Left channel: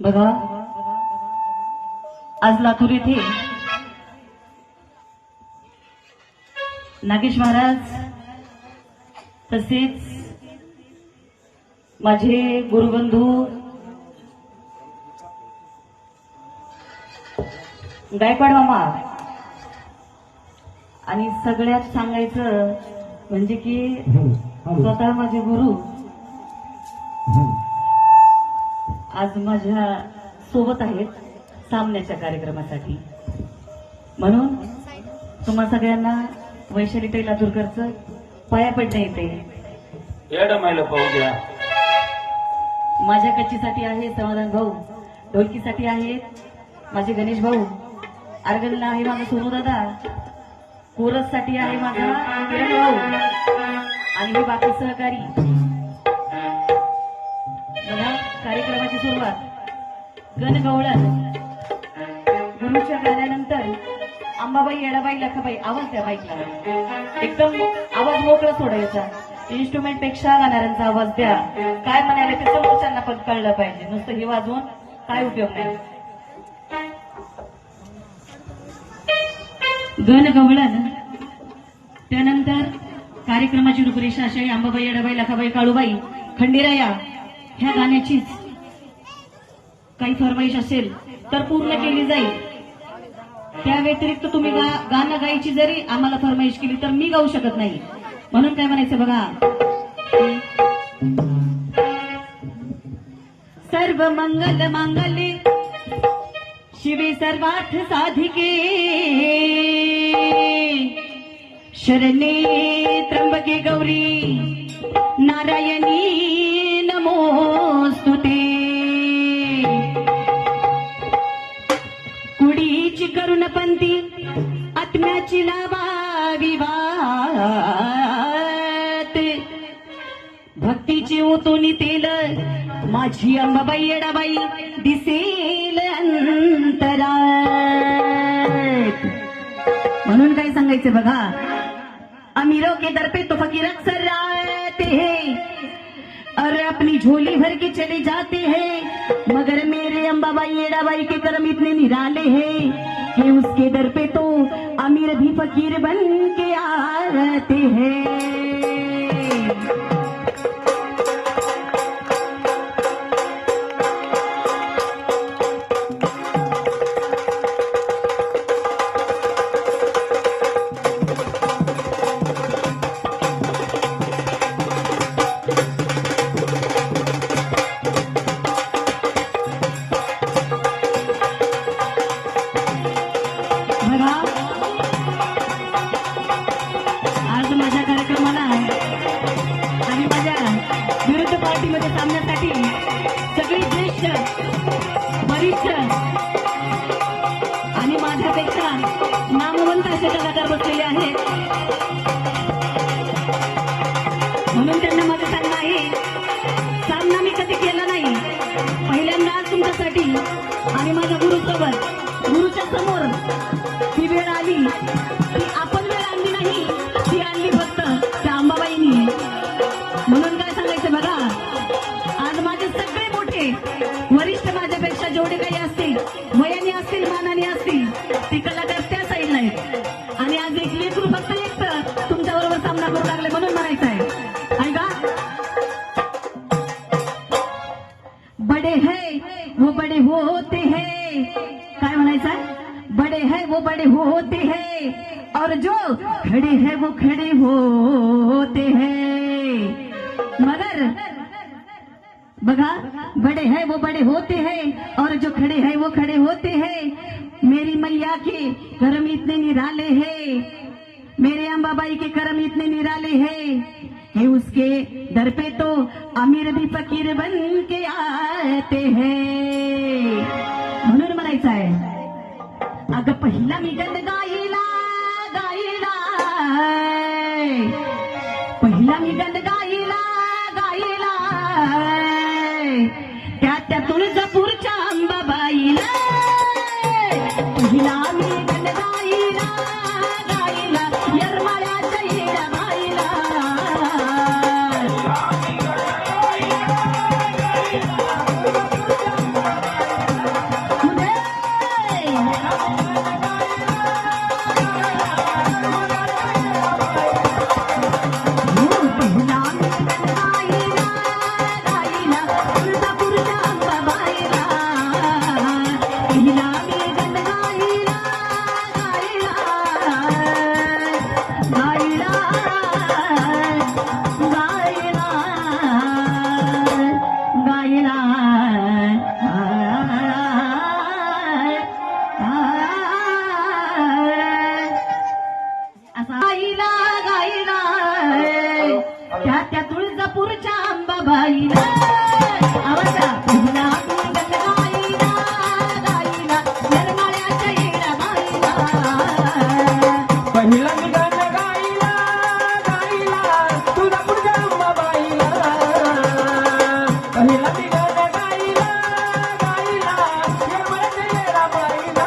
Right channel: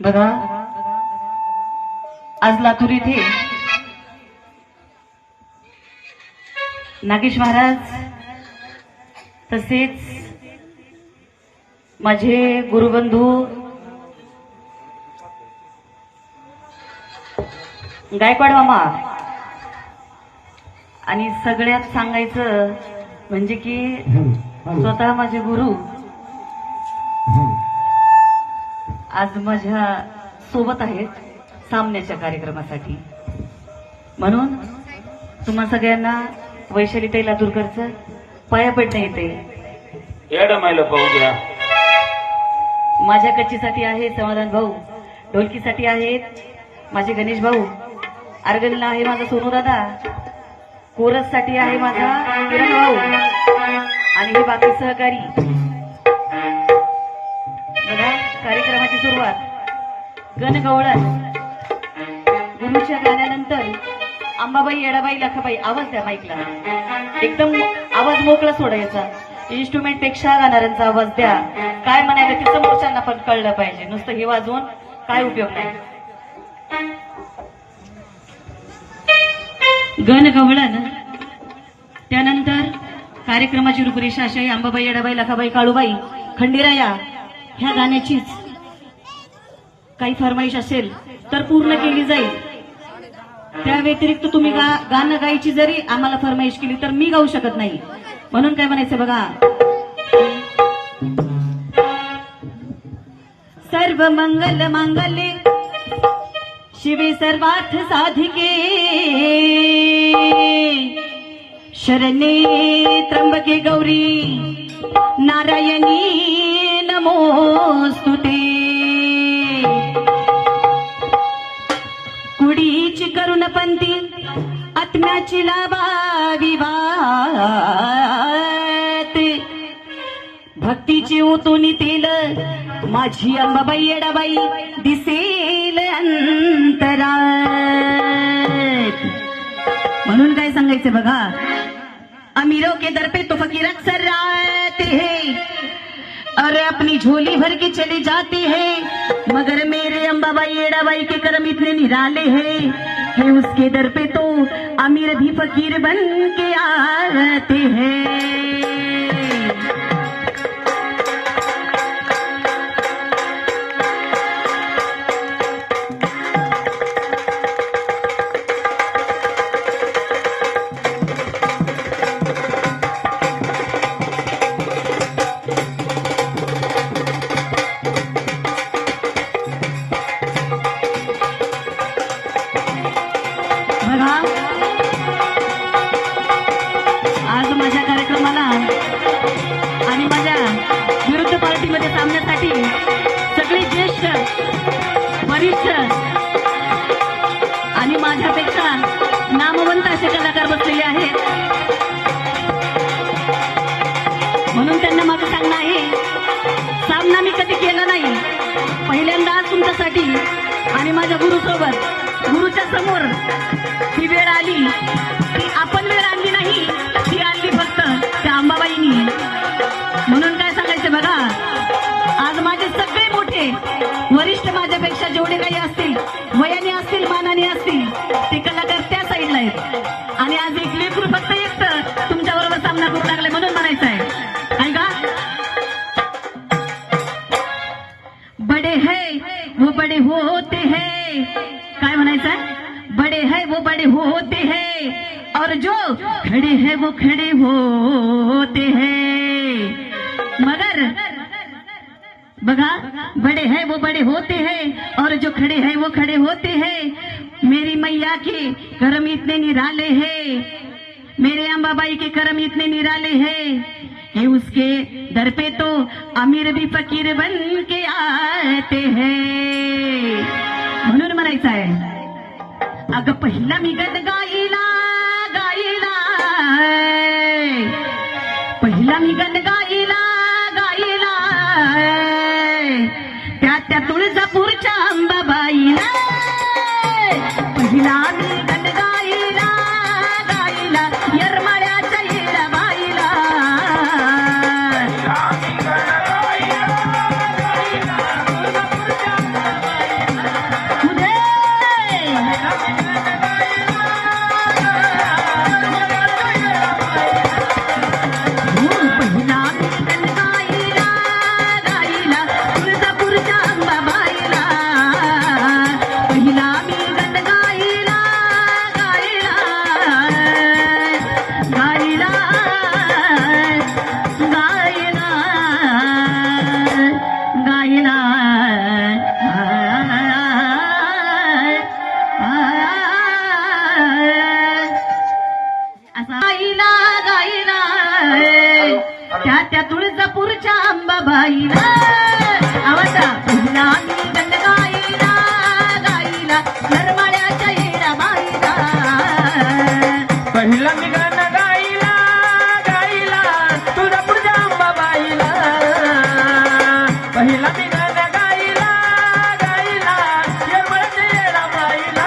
बघा, आज लातूर येथे नागेश महाराज तसेच माझे गुरुबंधू गायकवाड मामा आणि सगळ्यात सांगायचं म्हणजे की स्वतः माझे गुरु आज माझ्या सोबत आहेत सामन्याच्या कार्यक्रमासाठी. म्हणून तुम्हा सगळ्यांना वैशालीताई लातूरकरचं पाया पडता येते. पाहू द्या. माझ्या कच्चीसाठी आहे समाधान भाऊ, ढोलकीसाठी आहेत माझे गणेश भाऊ, आर्गनला आहे माझा सोनू दादा, कोरस साठी आहे माझा किरण भाऊ आणि हे बाकी सहकारी. बघा, कार्यक्रमाची सुरुवात गणगवळण गुरुच्या गाण्यानंतर अंबाबाई, येडाबाई, लखाबाई. आवाज द्या माईकला, एकदम आवाज मोकळा सोडायचा. इन्स्ट्रुमेंट पेक्षा गाणाऱ्यांचा आवाज द्या. काय म्हणायला ते समोरच्यांना पण कळलं पाहिजे, नुसतं हे वाजवून काय उपयोग नाही. गणगवळण, त्यानंतर कार्यक्रमाची रूपरेषा अशी: अंबाबाई, येडाबाई, लखाबाई, काळूबाई, खंडेराया. ह्या गाण्याचीच काही फरमाईश असेल तर पूर्ण केली जाईल. त्या व्यतिरिक्त तुम्ही गाणं गायची जरी आम्हाला फरमाईश केली तर मी गाऊ शकत नाही. म्हणून काय म्हणायचं बघा: सर्व मंगल मांगल्ये शिवे सर्वार्थ साधिके शरणे त्र्यंबके गौरी नारायणी नमोस्तुते. कुडीची करुण पंथी आत्म्याची लावावी वाते भक्तीची ओतून तेल माझी अंबाबाई येडाबाई दिसेल अंतरात. म्हणून काय सांगायचं बघा, अमीरों के दर पे तो फकीर अक्सर आते हैं और अपनी झोली भर के चले जाते हैं, मगर मेरे अंबाबाई येडाबाई के कर्म इतने निराले हैं कि उसके दर पे तो अमीर भी फकीर बन के आते हैं. बघा, आज माझ्या कार्यक्रमाला आणि माझ्या विरुद्ध पार्टीमध्ये सामन्यासाठी सगळे ज्येष्ठ वरिष्ठ आणि माझ्यापेक्षा नामवंत असे कलाकार बसलेले आहेत. म्हणून त्यांना माझं सांगणं आहे, सामना मी कधी केला नाही, पहिल्यांदा आज तुमच्यासाठी आणि माझ्या गुरुसोबत गुरुच्या समोर ही वेळ आली. ती आपण वेळ आणली नाही, ती आणली फक्त त्या अंबाबाईनी. म्हणून काय सांगायचं बघा, आज माझे सगळे मोठे वरिष्ठ माझ्यापेक्षा जेवढे काही असतील, वयाने असतील, मानाने असतील, ते कलाकार त्या साईडला आहेत. आणि आज एक लेकरू फक्त एकटं तुमच्याबरोबर सामना करू लागले म्हणून म्हणायचं आहे. ऐका, बडे है वो बडे होते हैं. काय म्हणायचं आहे? बड़े है वो बड़े होते हैं और जो खड़े है वो खड़े होते हैं. मगर बघा, बड़े है वो बड़े होते हैं और जो खड़े है वो खड़े होते हैं. मेरी मैया के कर्म इतने निराले हैं, मेरे अंबाबाई के कर्म इतने निराले हैं कि उसके दर पे तो अमीर भी फकीर बन के आते हैं. म्हणून म्हणायचं आहे, अगं पहिला मी गण गाईला गाईला, पहिला मी गण गाईला गाईला, त्या तुळजापूरच्या अंबाबाईला. पहिला मी गण गाईला गाईला, येरमाळ्याच्या येडाबाईला. त्या तुळजापूरच्या अंबाबाईला. आवाजा, पहिला मी गण गाईला गाईला, येरमाळ्याच्या येडाबाईला. पहिला मी गण गाईला गाईला, तुळजापूरच्या अंबाबाईला. पहिला मी गण गाईला गाईला, येरमाळ्याच्या येडाबाईला.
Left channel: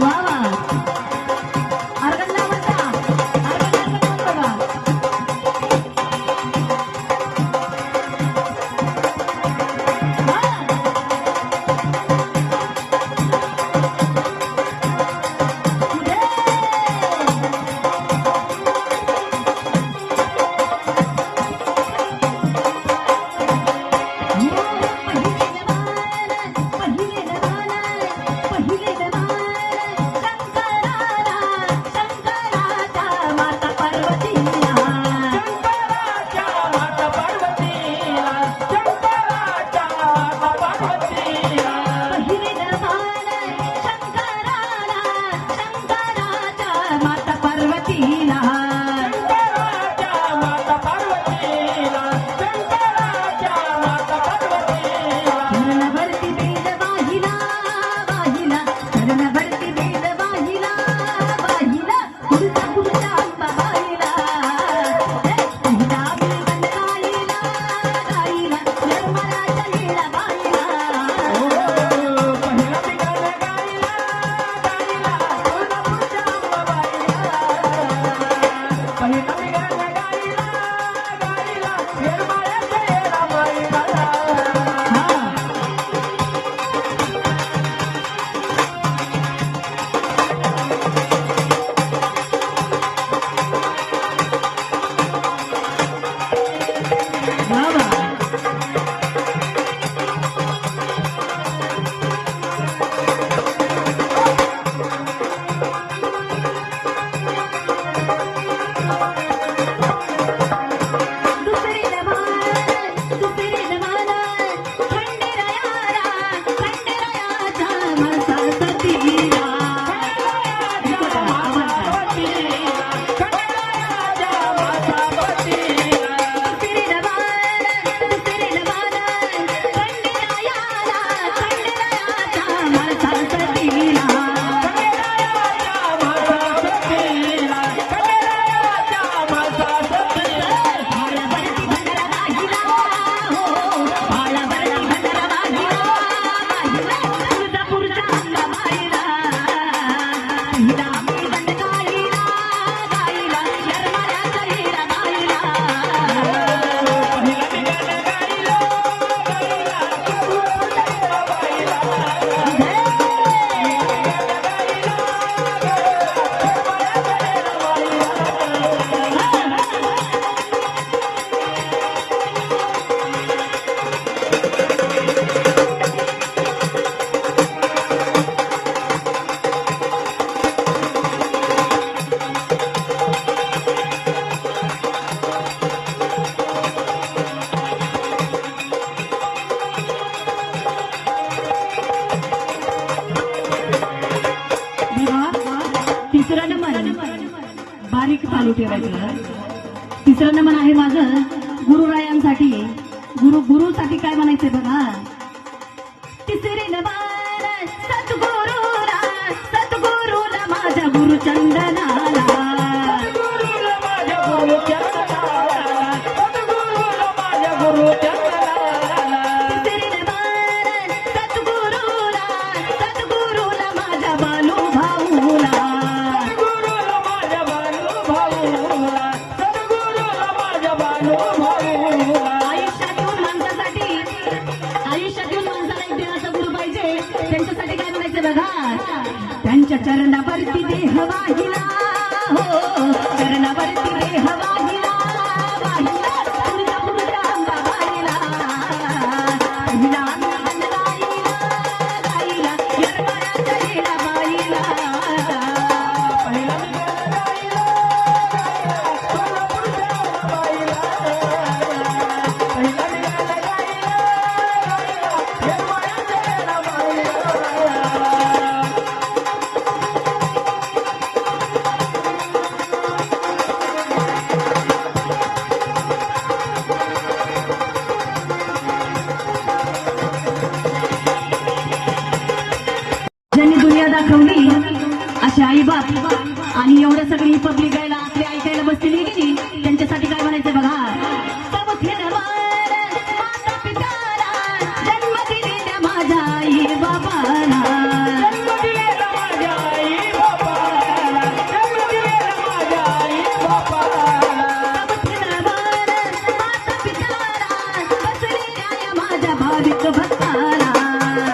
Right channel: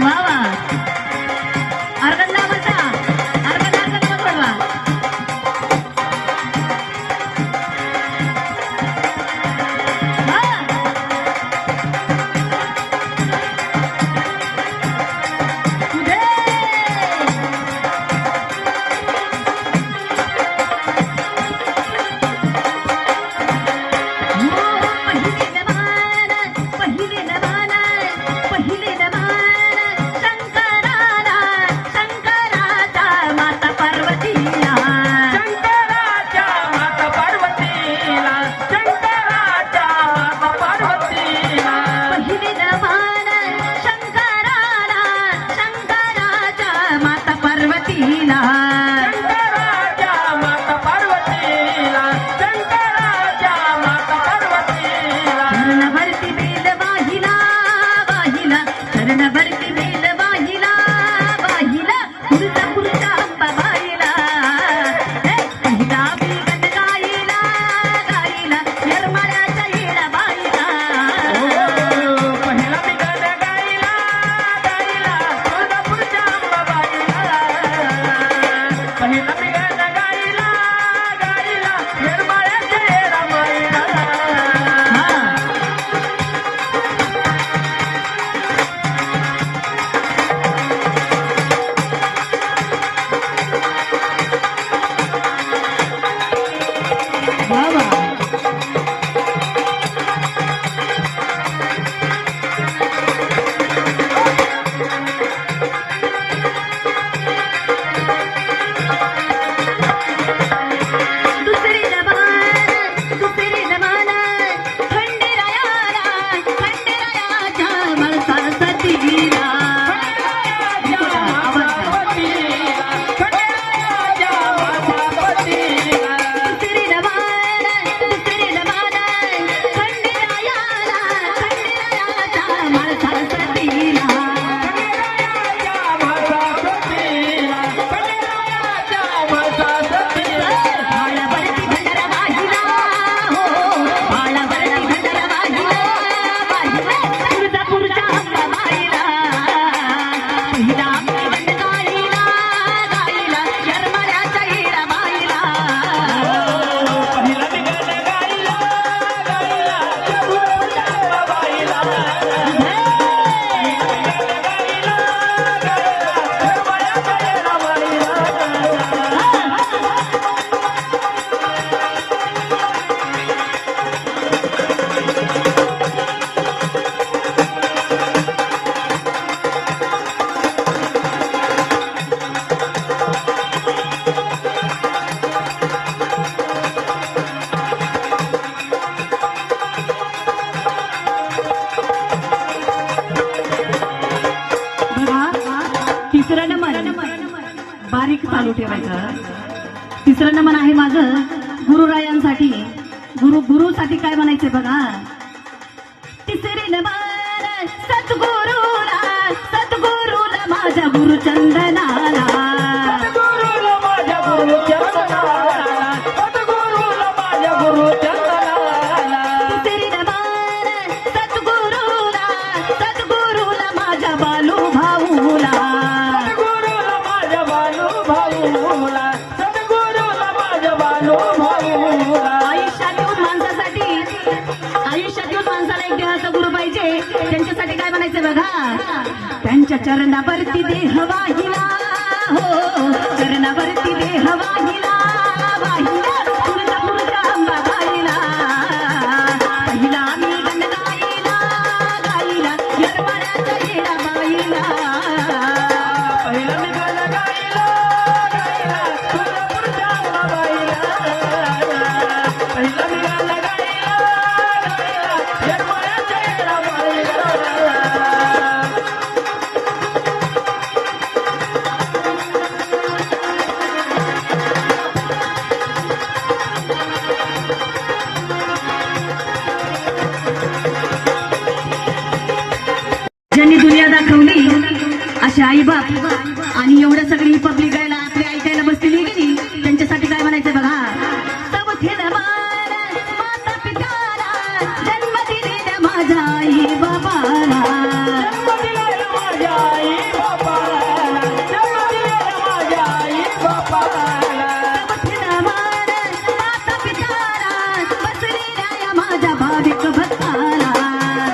वा वा, अर्गन लावता, अर्गन अर्गन पकडवा. बारीक चालू ठेवायचं. तिसरं नमन आहे माझं गुरुरायांसाठी. गुरुसाठी काय म्हणायचंय बघा. तिसरे नमन सद्गुरूला माझ्या गुरुचंदनाला. सद्गुरूला माझ्या गुरुचंदनाला, सद्गुरूला माझ्या गुरुचंदनाला. तिसरे नमन सद्गुरूला माझ्या बालूभाऊला. सद्गुरूला माझ्या बालूभाऊला, सद्गुरूला माझ्या बालूभाऊला. आयुष्यातील माणसाला एक देहाचा गुरु पाहिजे. त्यांच्यासाठी काय म्हणायचं बघा. त्यांच्या चरणावरती देह वाहिला, हो चरणावरती देह वाहिला, वाहिला तुळजापूरच्या अंबाबाईला. पहिला मी गणगाईला, गाईला येरमाळ्याच्या येणाबाईला. पहिला मी गाणं गायला, गायला तुळजापूरच्या अंबाबाईला. पहिला मी गाणं गायला, गायला येरमाळ्याच्या येणाबाईला. ज्यांनी दुनिया दाखवली असे आईबाप आणि एवढं सगळी पब्लिक गायला आपली ऐकायला बसलेली गेली. त्यांच्यासाठी काय म्हणायचं बघा. चौथीला मान माता पिताला, जन्म दिलेल्या माझ्या आई बाबाला. जन्म दिलेला माझ्या आई बापाला, जन्म दिलेला माझ्या आई बापाला. चौथीला मान माता पिताला, बसलेल्या माझ्या भाविक भक्ताला.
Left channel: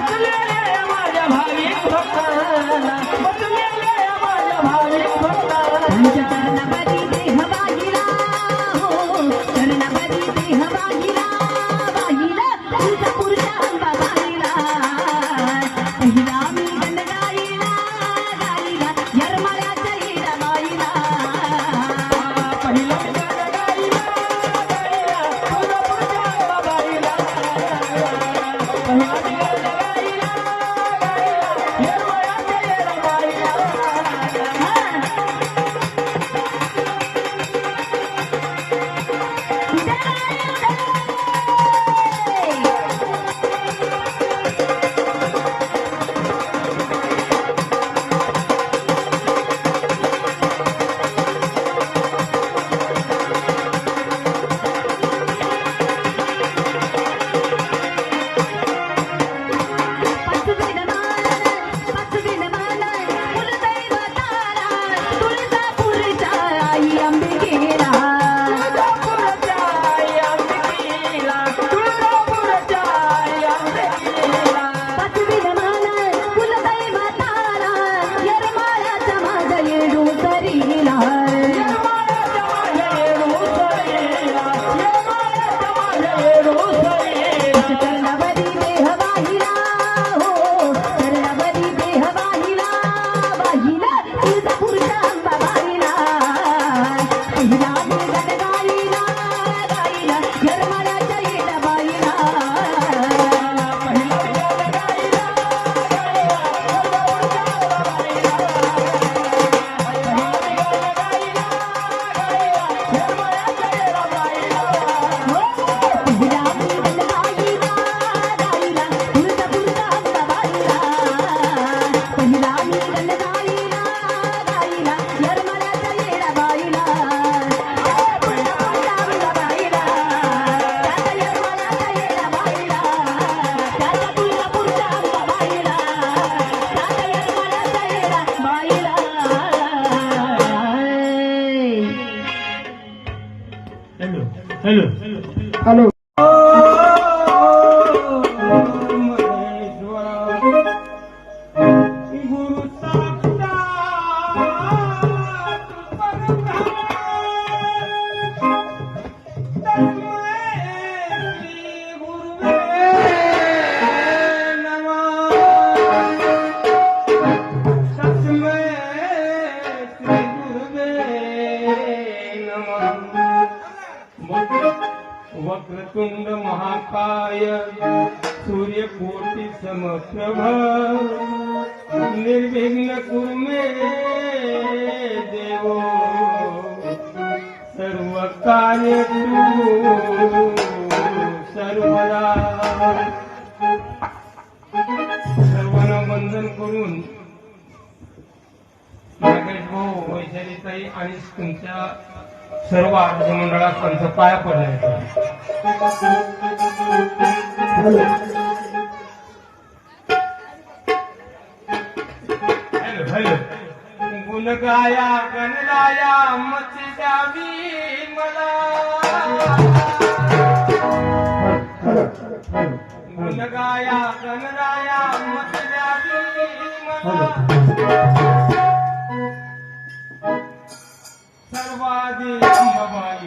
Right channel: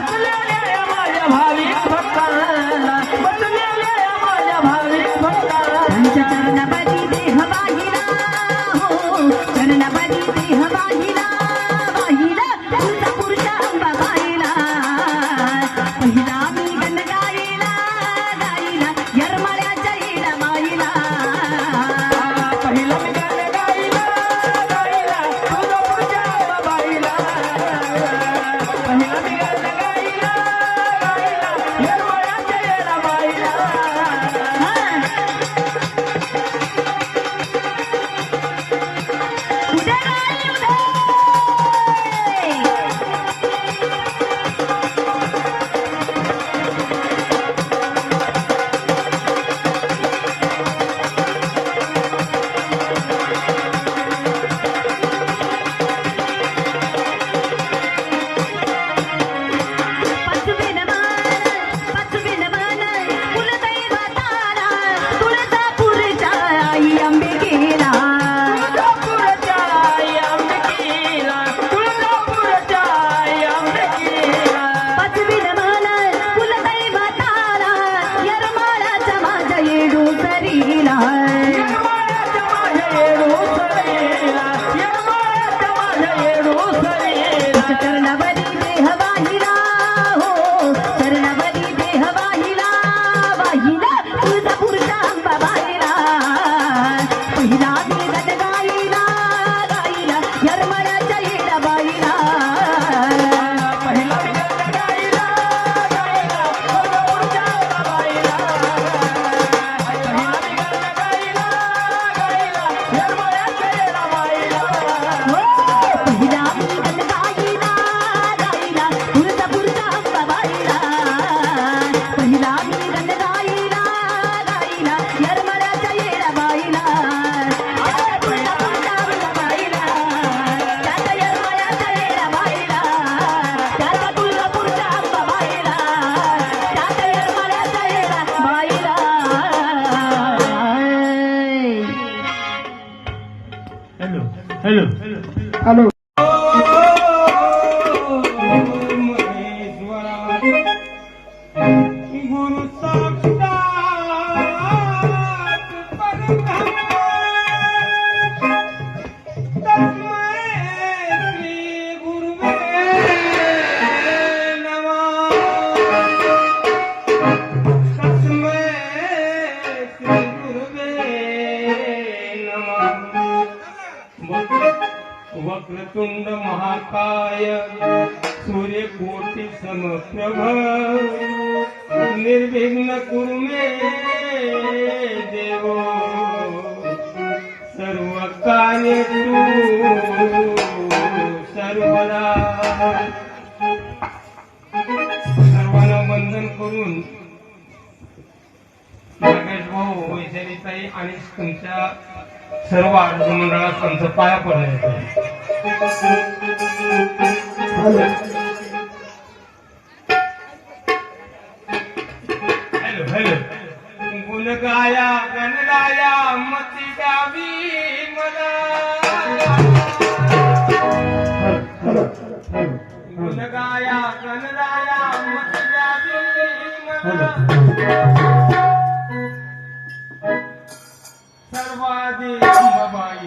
बसलेल्या माझ्या भाविक भक्ताला, बसलेल्या माझ्या भाविक भक्ताला. त्यांच्या चरणापाठी देह वाहिला, हो चरणापाठी देह वाहिला, वाहिला तुळजापूरच्या अंबाबाईला. पहिला मी गणगाईला, गाईला येरमाळ्याच्या येणाबाईला. पहिला मी गाणं गायला, गायला तुळजापूरच्या अंबाबाईला. पहिला मी गाणं गायला, गायला येरमाळ्याच्या येणाबाईला. तुळजापूरच्या आई अंबिकेला. तुळजापूरच्या आई अंबिकेला, तुळजापूरच्या आई अंबिकेला. पाचवीला मान कुलदैवताला, येरमाळ्याच्या माझ्या येडूसरीला. येरमाळ्याच्या माझ्या येडूसरीला, येरमाळ्याच्या माझ्या येडूसरीला. चरणावरी देह वाहिला, हो चरणावरी देह वाहिला, वाहिला तुळजापूरच्या अंबाबाईला. पहिला मी गणगाईला, गाईला येरमाळ्याच्या येणाबाईला. पहिला मी गाणं गायला, गायला तुळजापूरच्या अंबाबाईला. पहिला मी गाणं गायला, गायला येरमाळ्याच्या येणाबाईला. पहिला मी गणगाईला, गाईला तुळजापूरच्या अंबाबाईला. पहिला मी गणगाईला, गाईला येरमाळ्याच्या येणाबाईला. तुळजापूरच्या अंबाबाईला, त्याच्या येरमाळ्याच्या येणाबाईला, त्याच्या तुळजापूरच्या अंबाबाईला, त्याच्या येरमाळ्याच्या येणाबाईला. हॅलो हॅलो गुरु साक्षात परब्रह्म तस्मै श्री गुरुवे नमः. तस्मै श्री गुरुवे नमः. वक्रतुंड महाकाय सूर्यकोटि समप्रभ निर्विघ्न कुरु मे देवो कार्य तू सर्वदा सर्वांना वंदन करून नागेश भाऊ वैशालीताई आणि तुमच्या सर्व आरोग्य मंडळात आमचं पाया पडलं. हॅलो हॅलो गुण गाया गणराया मती गावी मला गुण गाया गणराया मती गावी मला सर्वादी अंबाबाई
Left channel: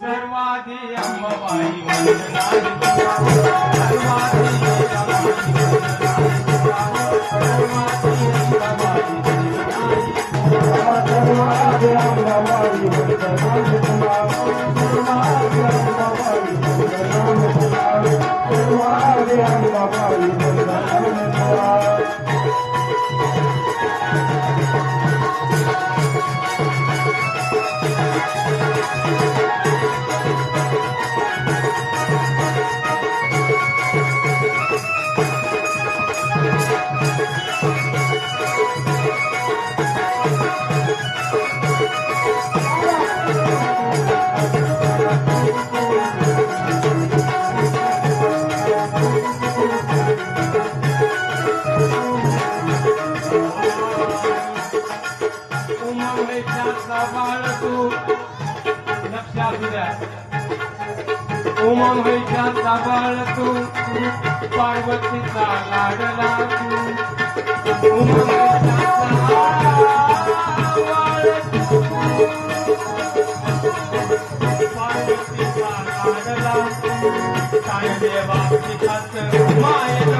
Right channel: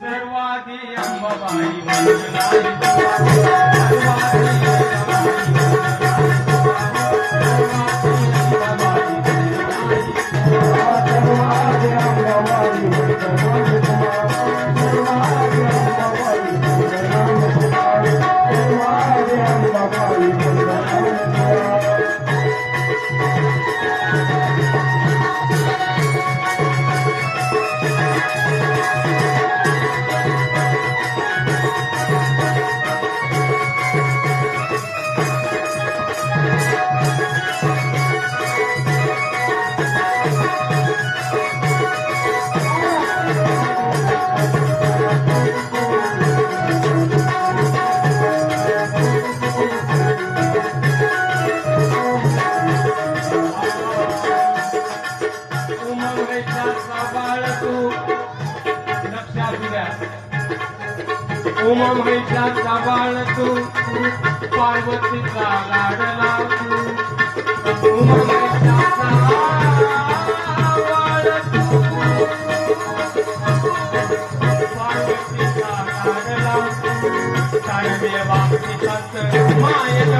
सर्वादी अंबाबाई उमामहेशाचा बाळ तू पार्वतीचा लाडला तू उमामहेशाचा बाळ तू पार्वतीचा लाडला तू तानदेवा पिताच मायेन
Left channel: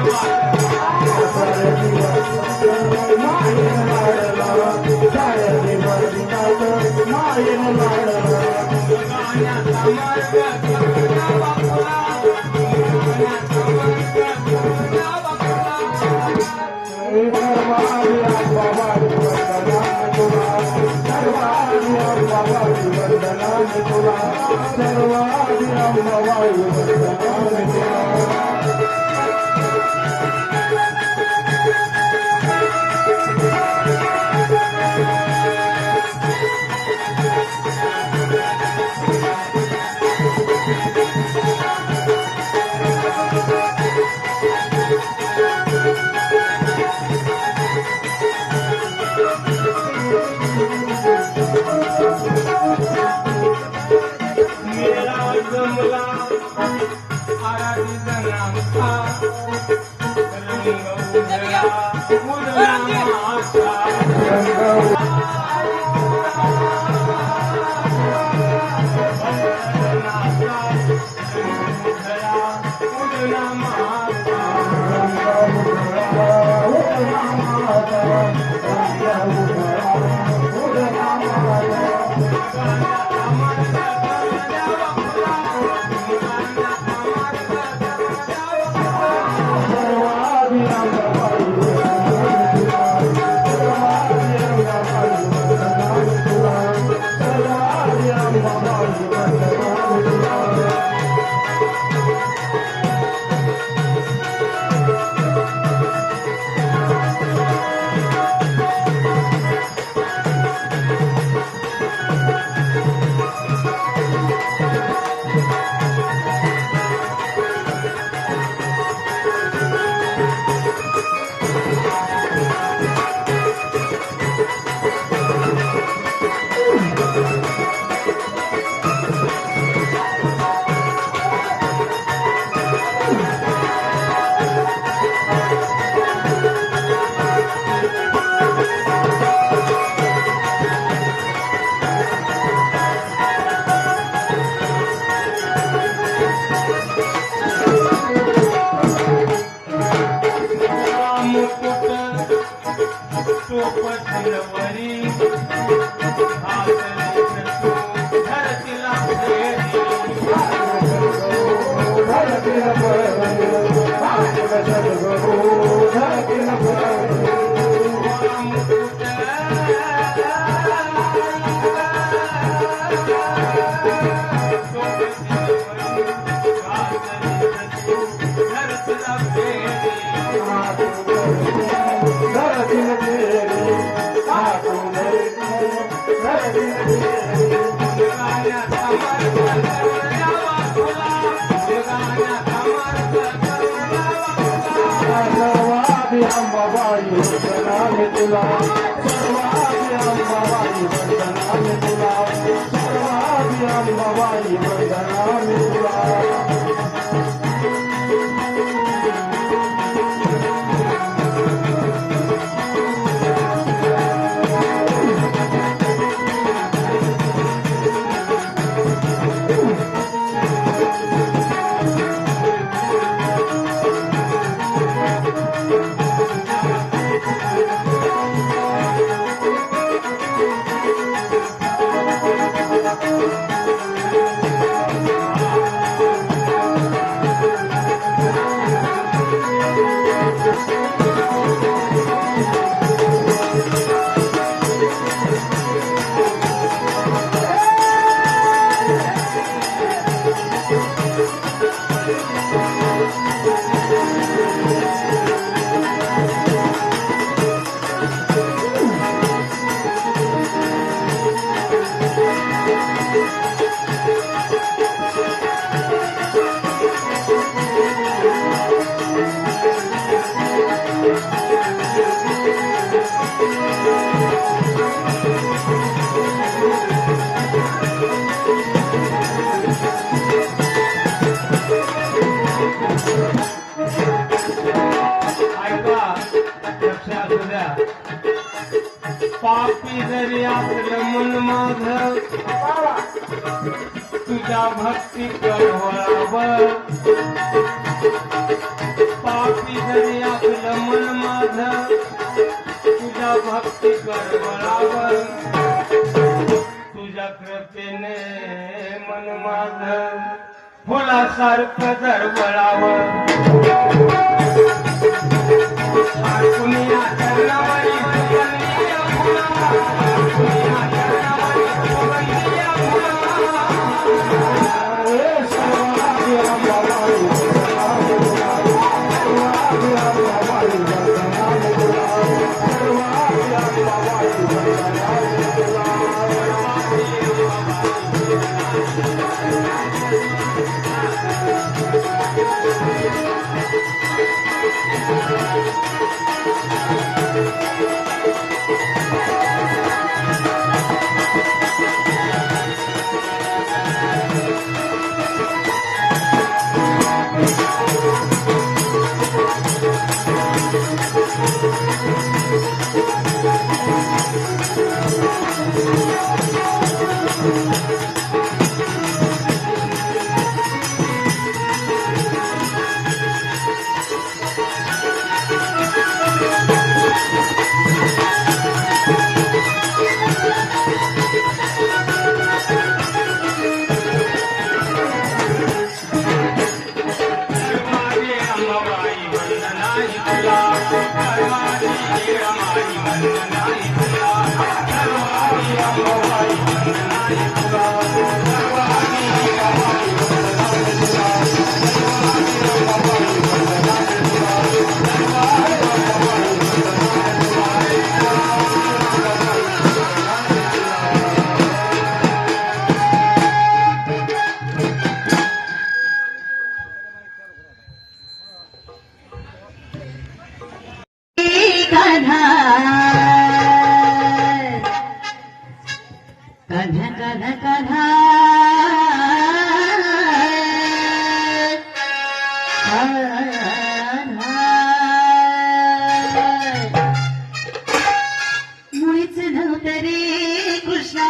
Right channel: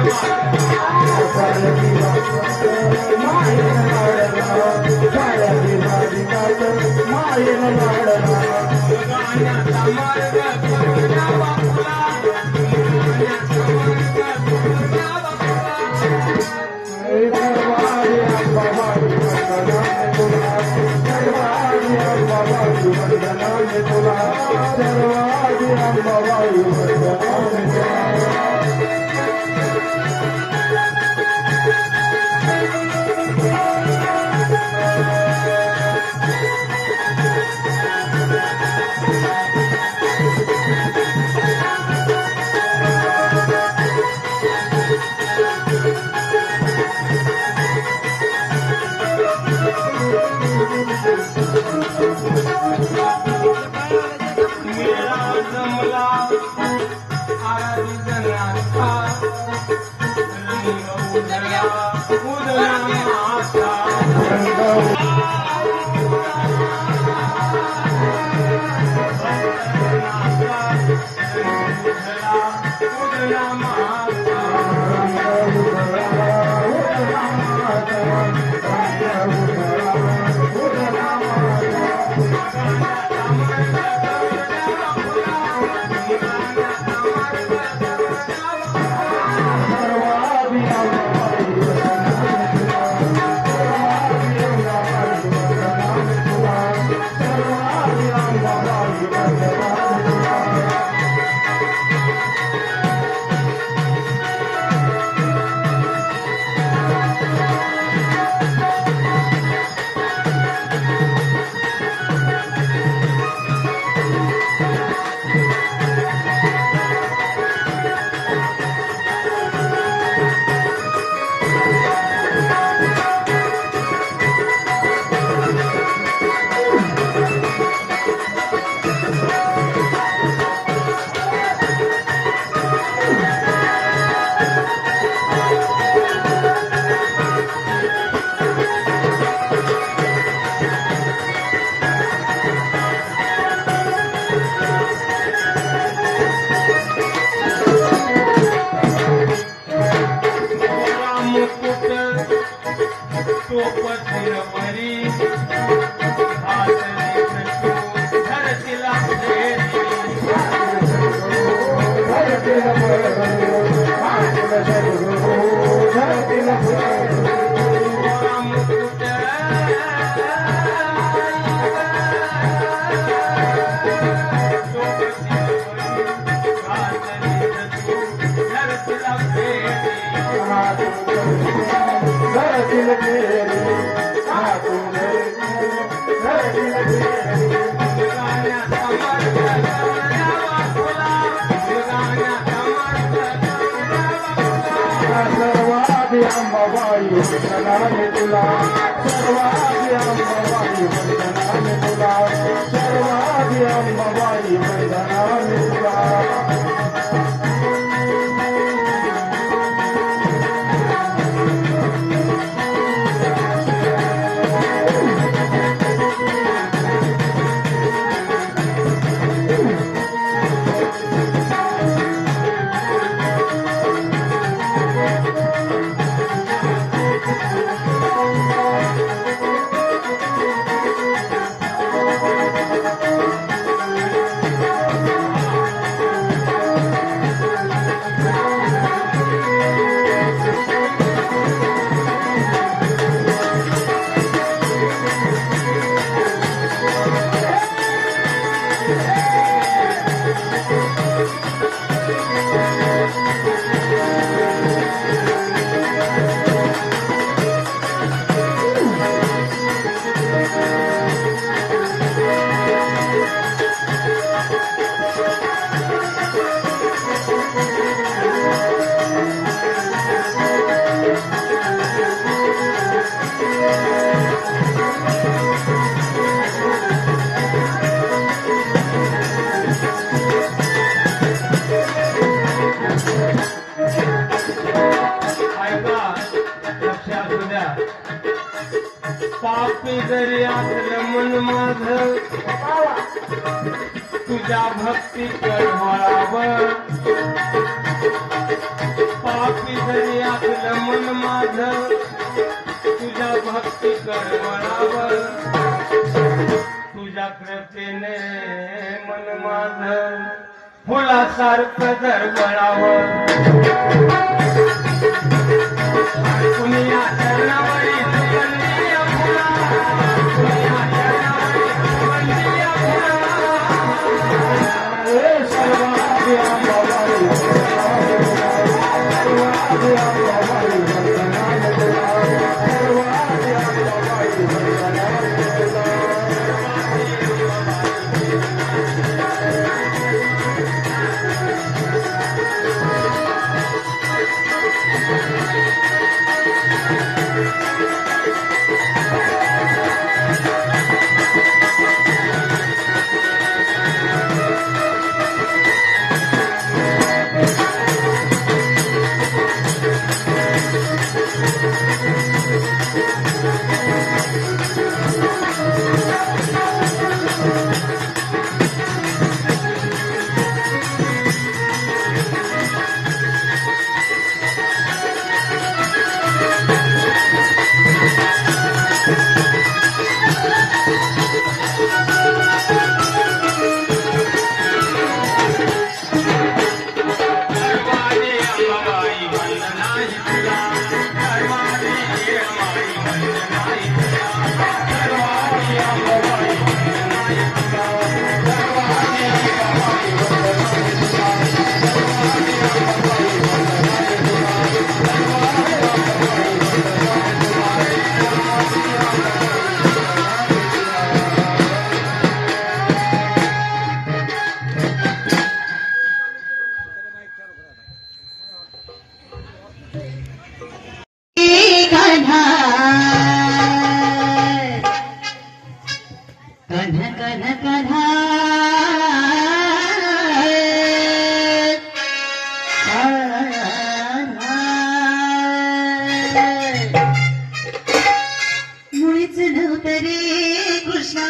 सर्वांगी अंबाबाई वंदनाने तुला सर्वांगी अंबाबाई वंदनाने तुला सर्वांगी अंबाबाई वंदनाने तुला पापी जरी आपलं मन माझं तुझ्या भक्ती करवळावर पापी जरी आपलं मन माझं तुझ्या भक्ती करवळावर तुझ्या कृपेने मन माझं फुलासारखं दरवळावर कुणीया चरणावरी वंदनीय फुला कुणीया चरणावरी वंदनीय फुला सर्वांगी अंबाबाई सर्वांगी अंबाबाई वंदनाने तुला सर्वांगी अंबाबाई वंदनाने तुला मुळीच नव्हतं रे कृष्णा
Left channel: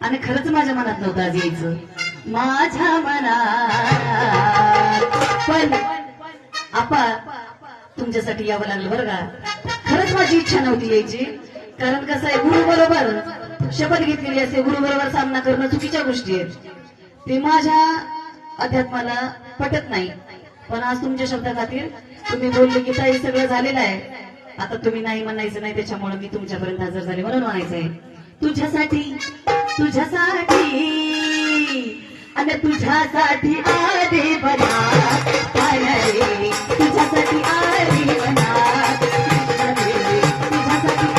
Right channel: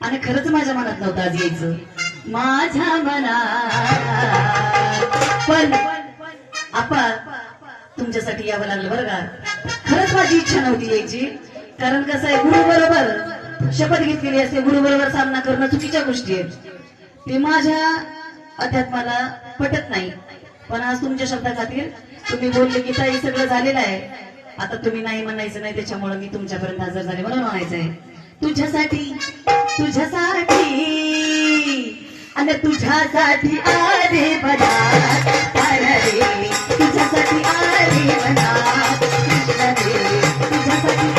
आणि खरंच माझ्या मनात नव्हतं आज यायचं माझ्या मनात पण आपा तुमच्यासाठी यावं लागलं बरं का खरंच माझी इच्छा नव्हती यायची कारण कसं आहे गुरु बरोबर शपथ घेतलेली असते गुरु बरोबर सामना करणं चुकीच्या गोष्टी आहेत ते माझ्या अध्यात्माला पटत नाही पण आज तुमच्या शब्दा खातीर तुम्ही बोलले की ताई सगळं झालेलं आहे आता तुम्ही नाही म्हणायचं नाही त्याच्यामुळे मी तुमच्यापर्यंत हजर झाले म्हणून म्हणायचंय तुझ्यासाठी तुझ्यासाठी अगं तुझ्यासाठी आले बना तुझ्यासाठी आले बना तुझ्यासाठी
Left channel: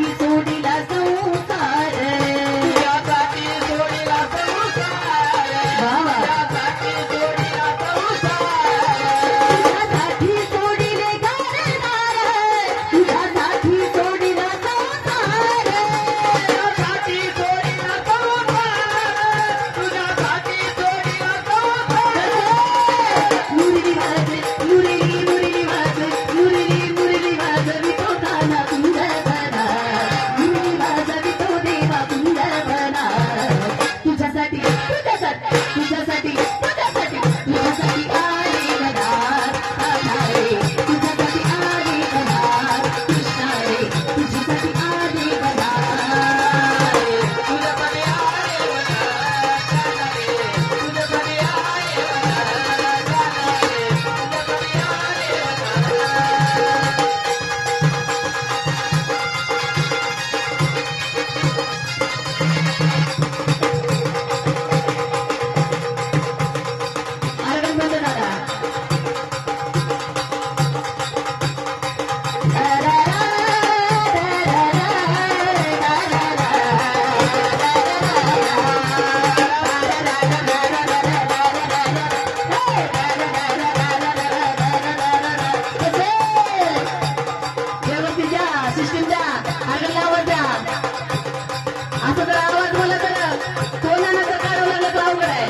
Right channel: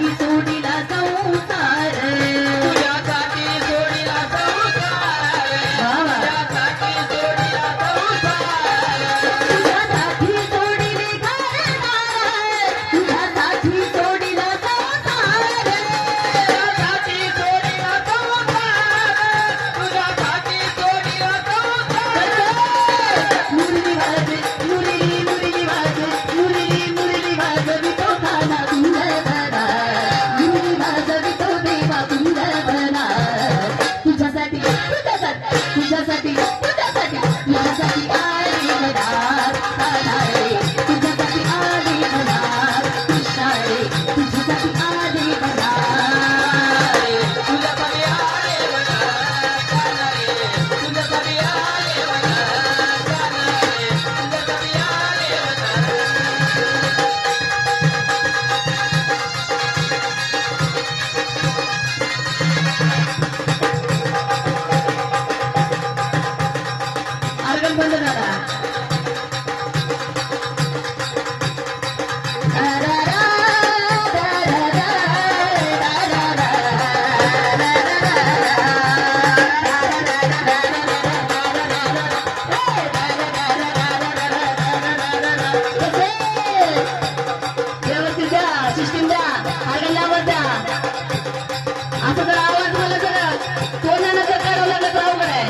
सोडिला संसार तुझ्यासाठी सोडिला संसार तुझ्यासाठी सोडिला संसार तुझ्यासाठी सोडिले घरदार तुझ्यासाठी सोडिला संसार तुझ्यासाठी सोडिला संसार तुझ्यासाठी सोडिला संसार मुरली वाजे मुरली मुरली वाजे मुरली मुरली वाजवितो गाना सुंदरबना मुरली वाजवितो देवा सुंदरबना तुझ्यासाठी तुझ्यासाठी तुझ्यासाठी तुझ्यासाठी तुझ्यासाठी आले गडार आले तुझ्यासाठी आले गडार कृष्णा रे तुझ्यासाठी आले गडार तुझ्यासाठी आले तुझ्यासाठी आले आरगण बंद झाला सिस्टीम द्या आरगणला आवाज द्या असं जर आवाज मला जर कोणाला जर करावं लागलं तर अवघड आहे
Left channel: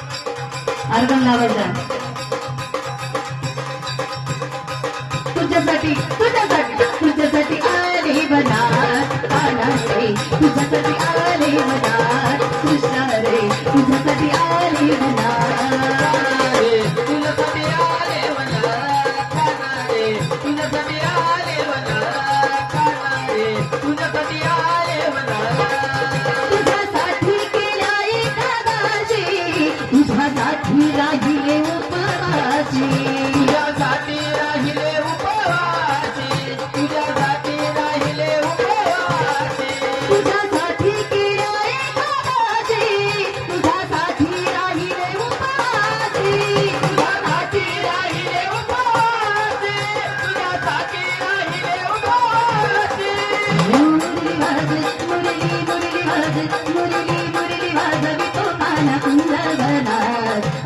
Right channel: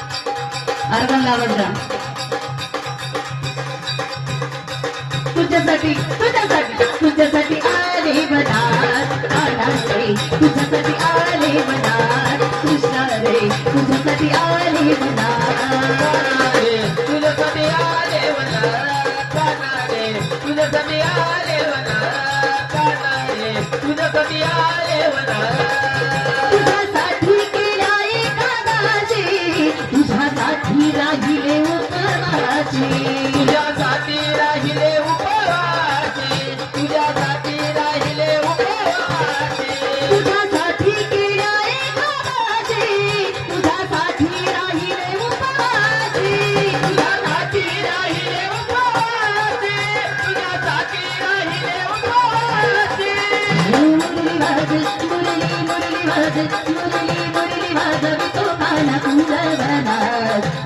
आरगणला आवाज द्या तुझ्यासाठी तुझ्यासाठी तुझ्यासाठी आले बनार आनारे तुझ्यासाठी आले बनार कृष्णा रे तुझ्यासाठी आले बनार तुझ्यासाठी आले मला रे तुझ्यासाठी आले मला तुझ्यासाठी आले मला तुझ्यासाठी केला एका गाजी तुझ्यासाठी राहिले उपवासी तुझ्यासाठी राहिले उपवासी तुझ्यासाठी राहिले उपवासी तुझ्यासाठी केला एका गाजी तुझ्यासाठी राहिले उपवासी तुझ्यासाठी राहिले उपवासी तुझ्यासाठी राहिले उपवासी मुरली वाज मुरली मुरली वाज मुरली मुरली वाजवितो गाना कुंजवना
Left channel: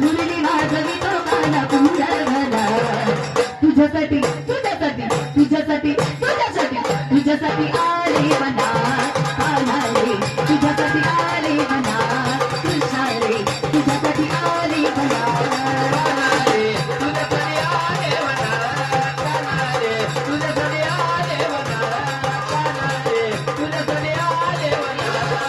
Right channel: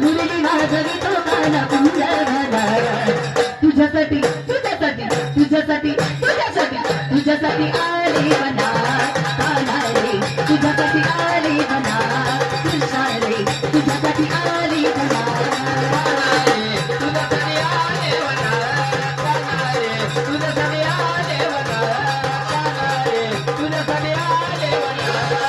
मुरली वाजवितो गाना कुंजवना तुझ्यासाठी तुझ्यासाठी तुझ्यासाठी तुझ्यासाठी तुझ्यासाठी आले बना रे तुझ्यासाठी आले बना कृष्णा रे तुझ्यासाठी आले बना तुझ्यासाठी आले मला रे तुझ्यासाठी आले मला रे तुझ्यासाठी आले बाबा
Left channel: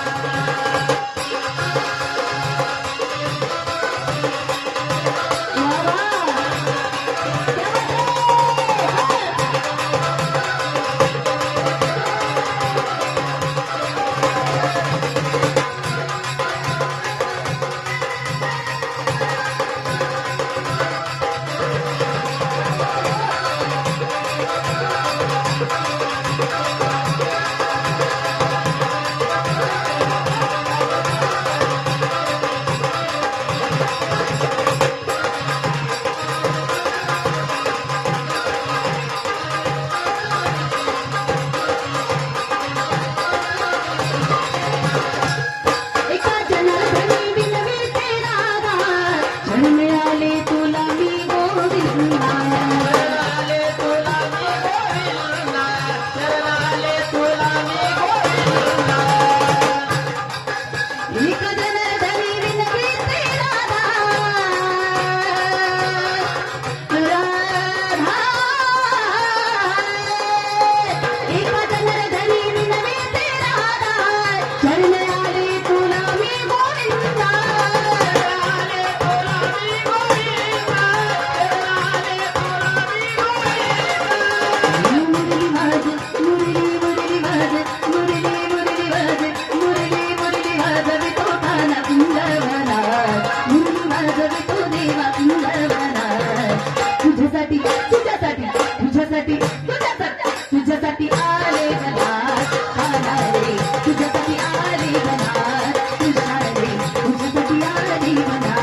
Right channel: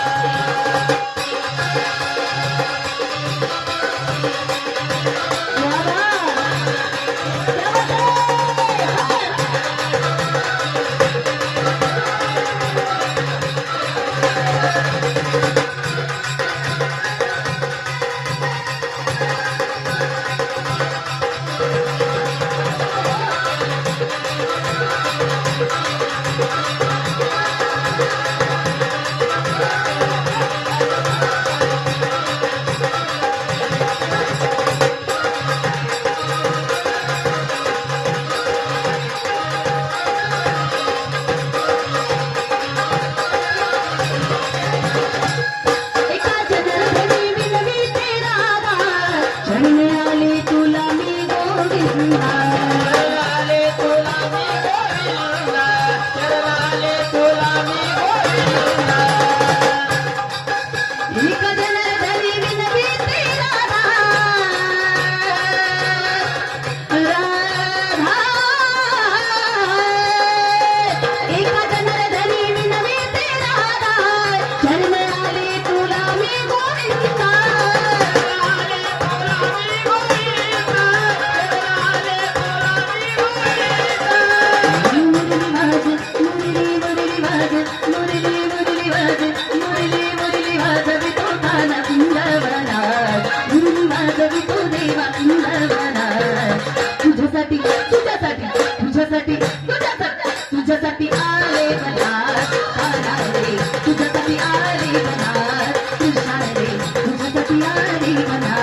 तुझ्यासाठी आले बनार काना रे तुझ्यासाठी आले बनार कृष्णा रे तुझ्यासाठी आले बनार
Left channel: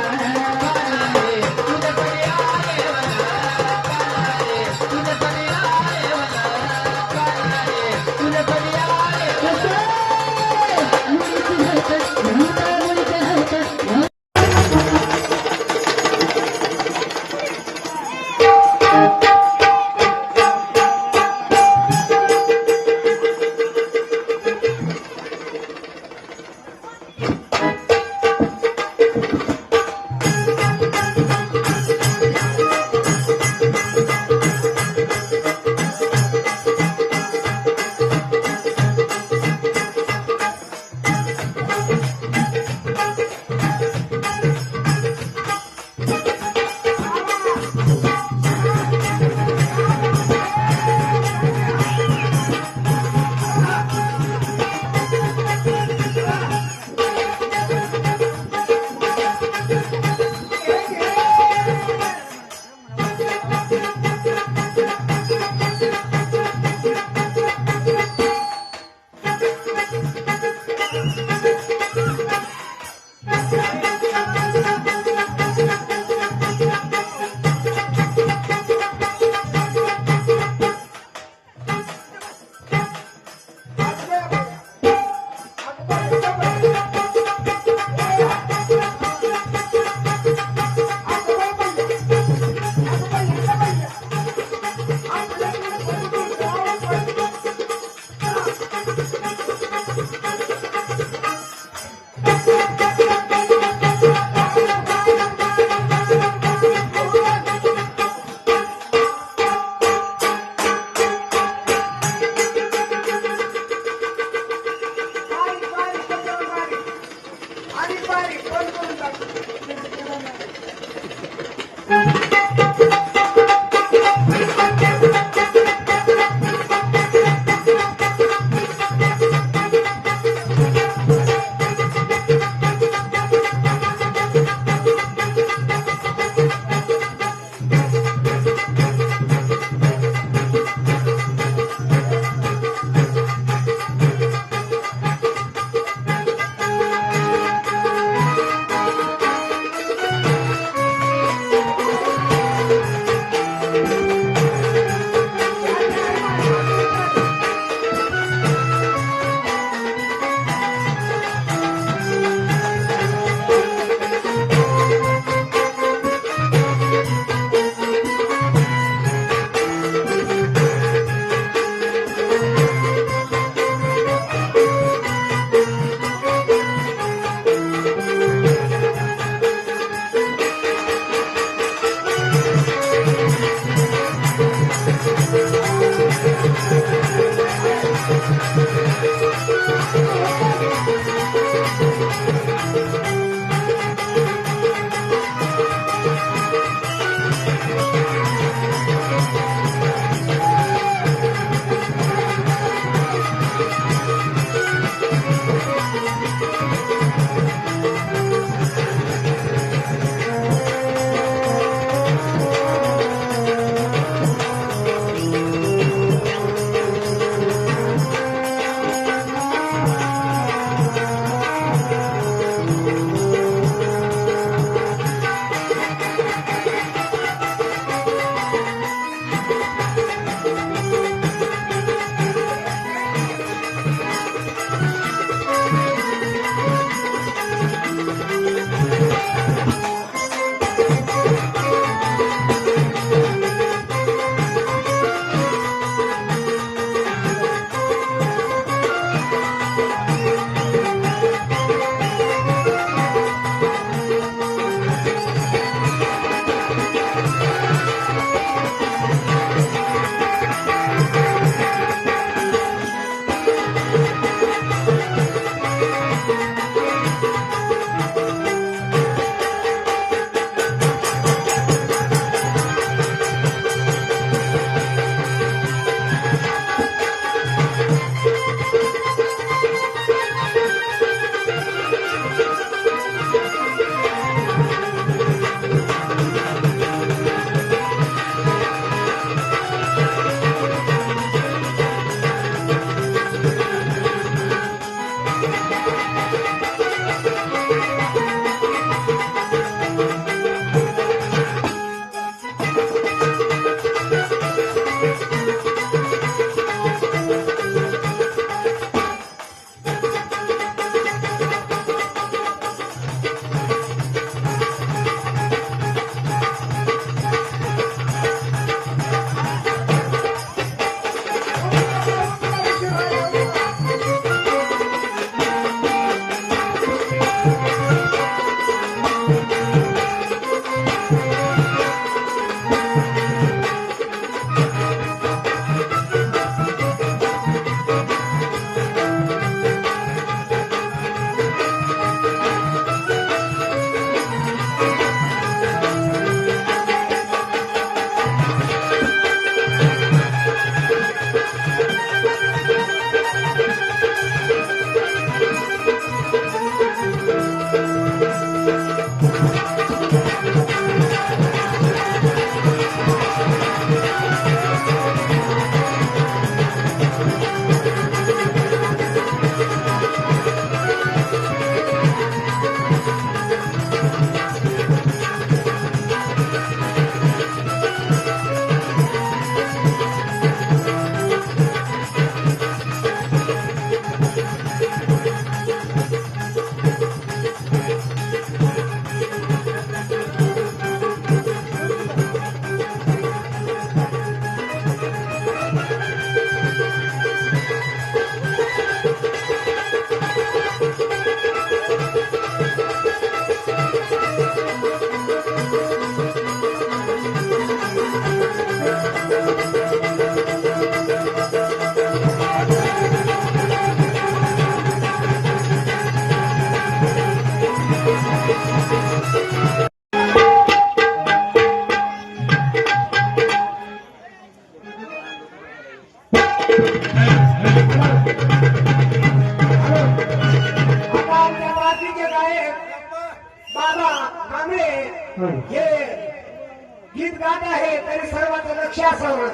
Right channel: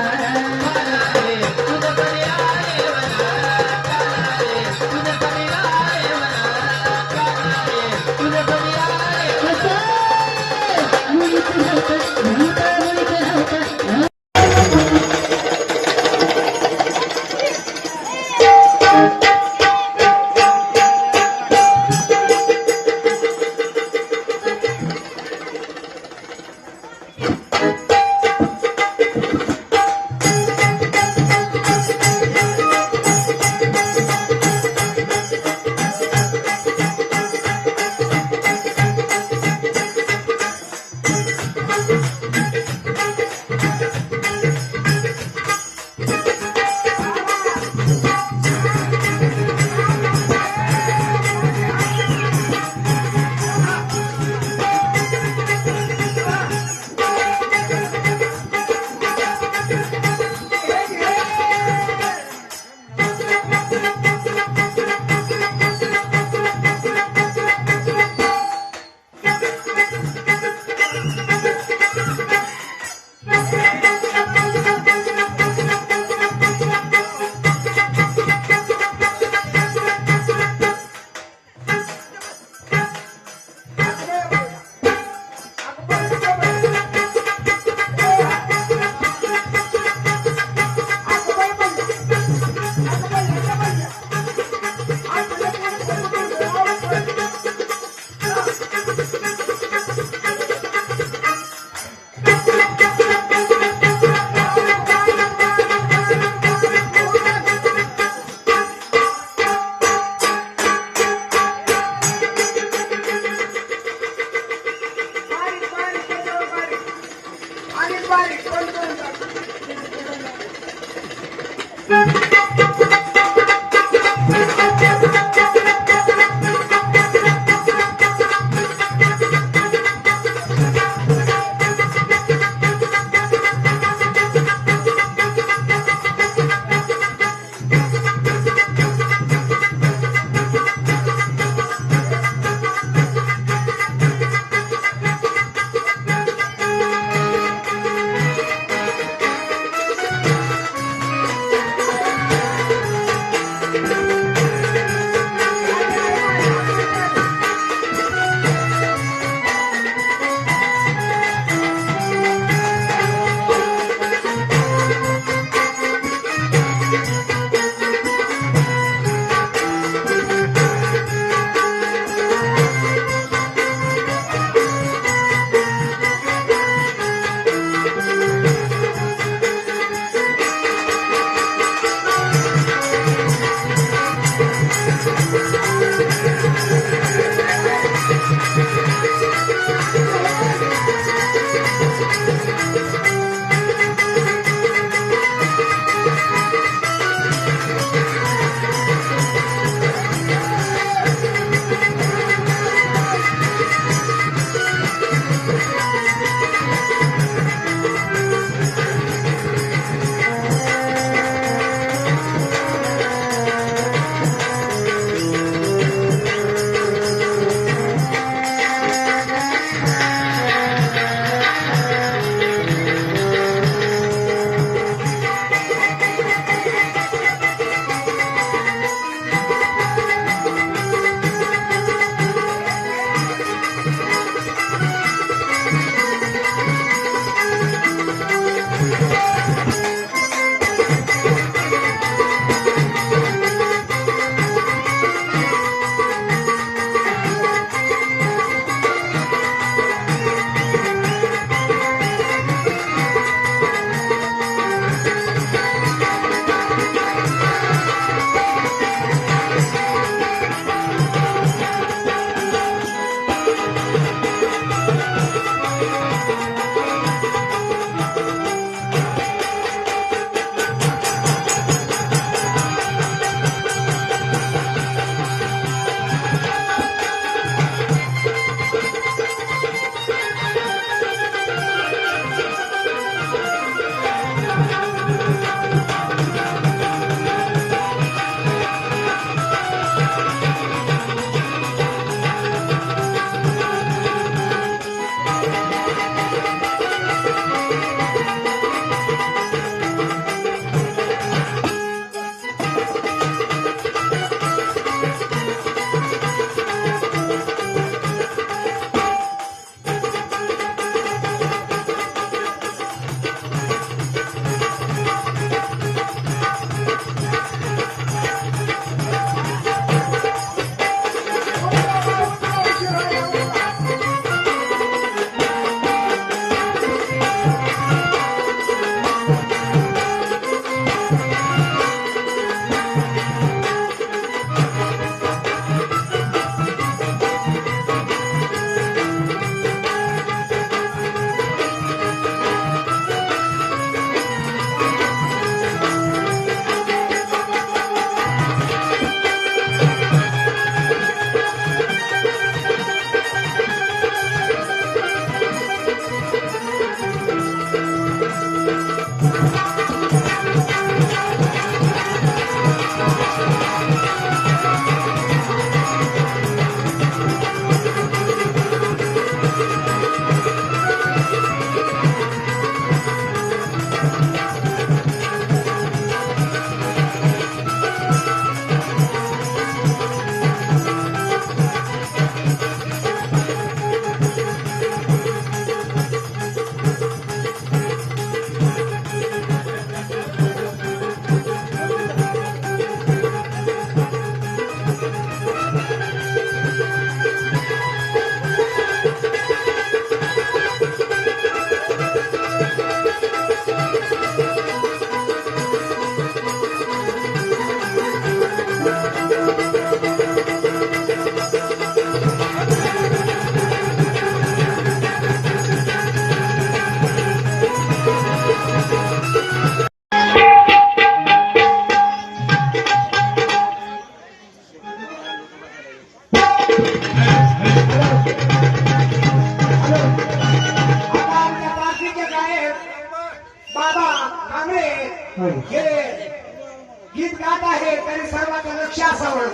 लक्ष असावं.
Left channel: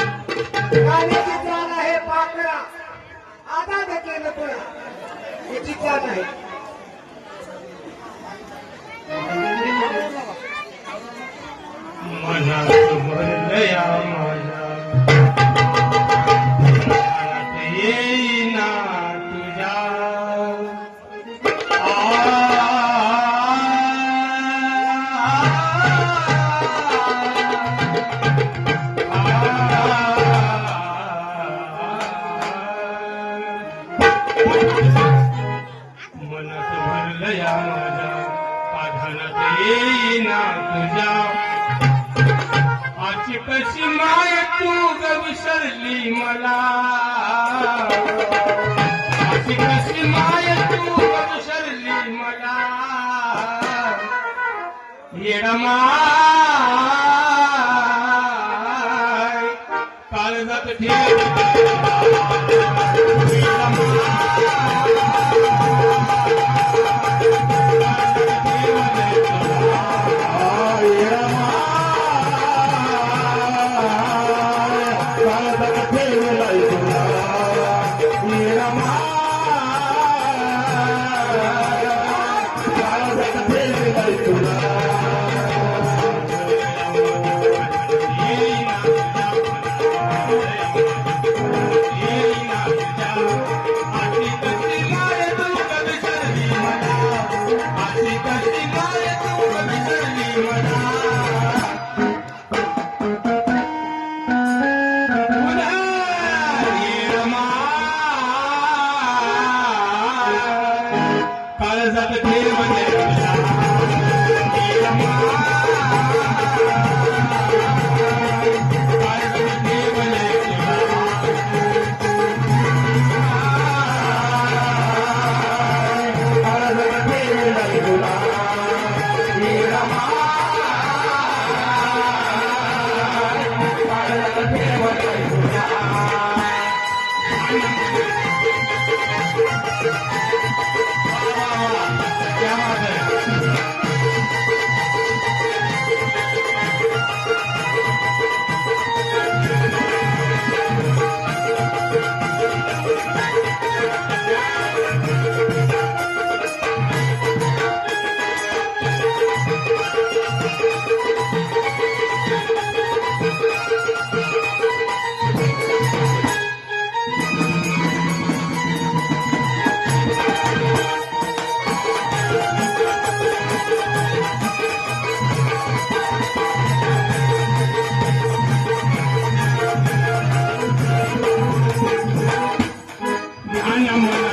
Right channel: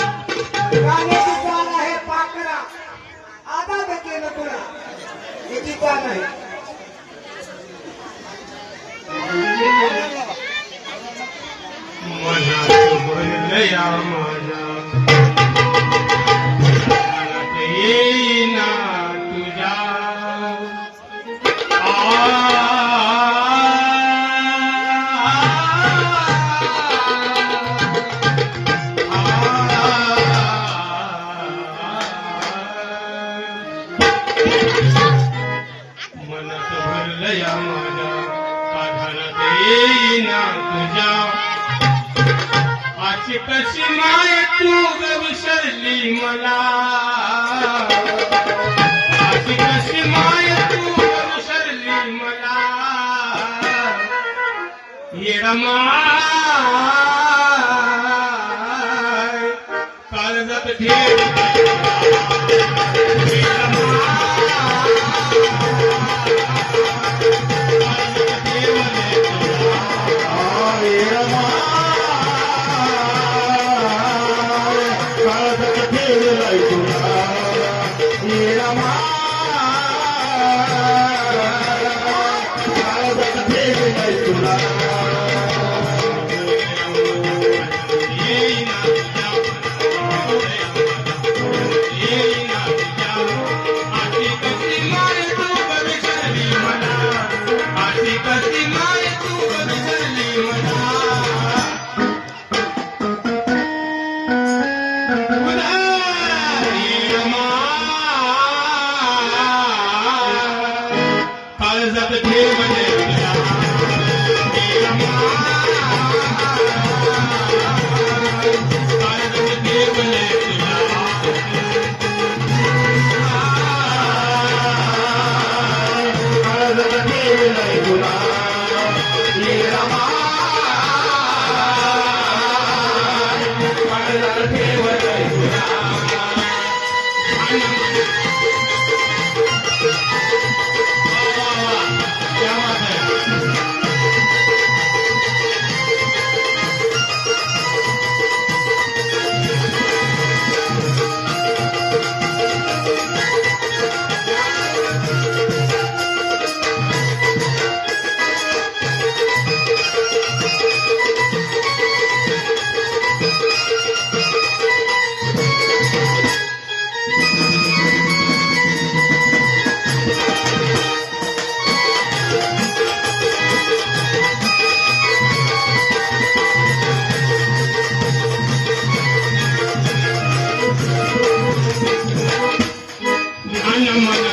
गाण्याची चाल आहे पाकळा आदाद केलं तुला याची चाल आहे. मनात भरलया माझ्या मनात येईना तुझ्या मनात भरलया माझ्या काघालात येईना तुझ्या अशी कशी माय तू ग विसरली मला अशी कशी माय तू ग विसरली मला ये रमाय काळजात ठेव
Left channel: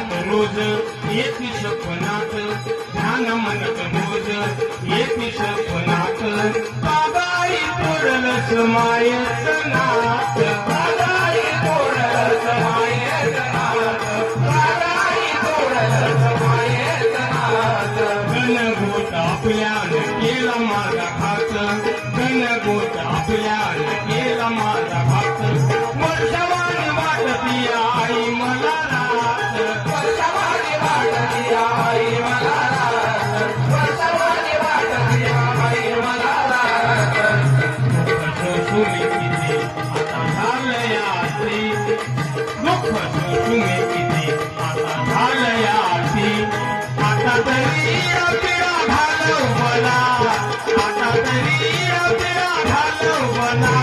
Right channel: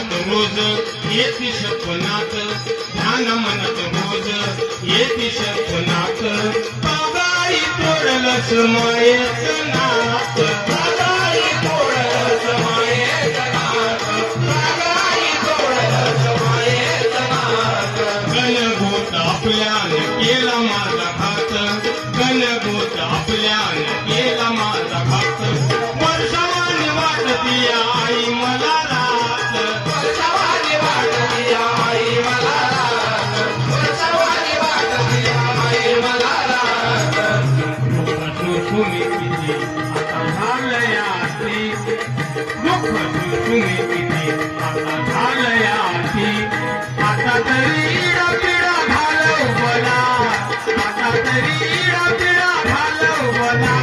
येती स्वप्नात ध्यान मनत रोज येती स्वप्नात बाबाई तोडलस मायेचं नात बाबाई तोडलस मायेचं नात बाबाई तोडलस मायेचं नात गणगोत आपल्याने केला माझा घात गणगोत आपल्याने केला माझा घात वर्षावानी वाटती आई मला रात वर्षावानी वाटती आई मला रात वर्षावानी वाटती आई मला रात आता झालयाती दुःख शोषून किती आता झालयाती आता तरी रबिडा घालव मला आता तरी रबिडा घालव मला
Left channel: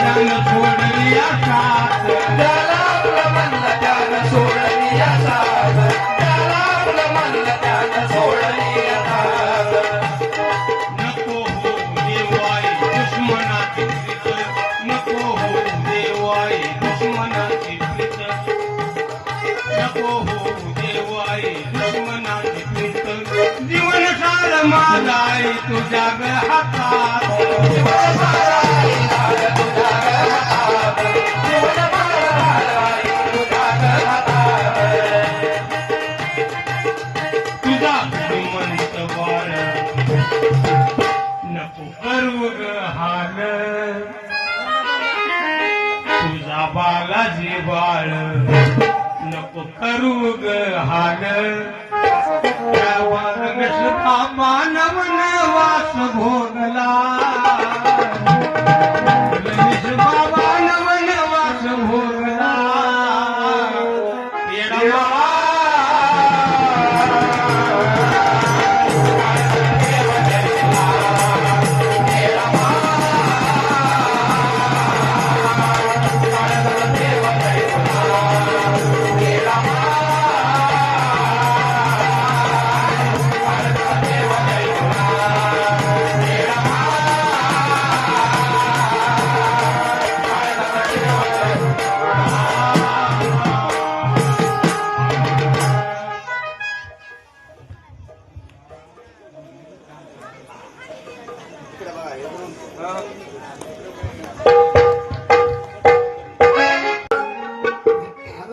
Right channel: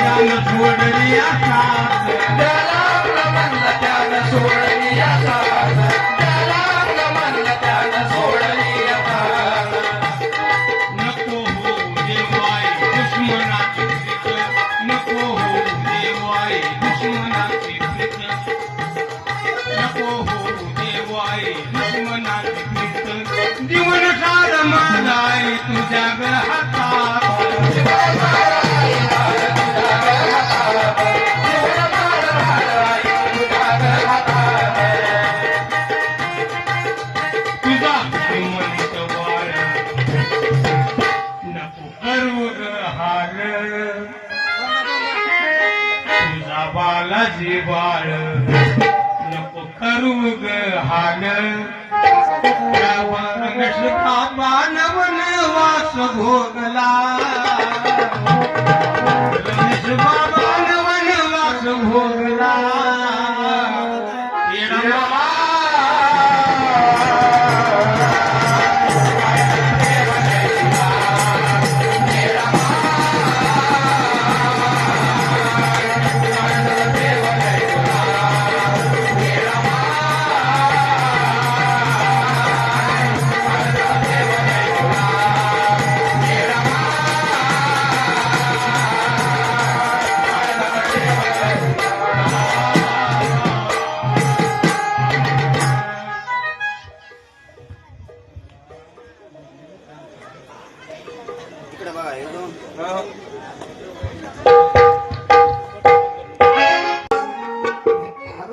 त्यानं सोडली साथ ज्याला म्हणलं त्यानं सोडली साथ ज्याला म्हणलं त्यानं सोडली साथ नको हो देवाई दुश्मनाची प्रीत नको हो देवाई दुश्मनाची प्रीत नको हो देवाई दुश्मनाची प्रीत जीवन काळ माझा आहे तुझ्या ग हातात तुझा श्रीमंत वाळ नको करू ग हार तुझा बालाजी बाळ नको करू ग हार बाबा नवनवास भोगला बाबा नवनवास भोगला येडा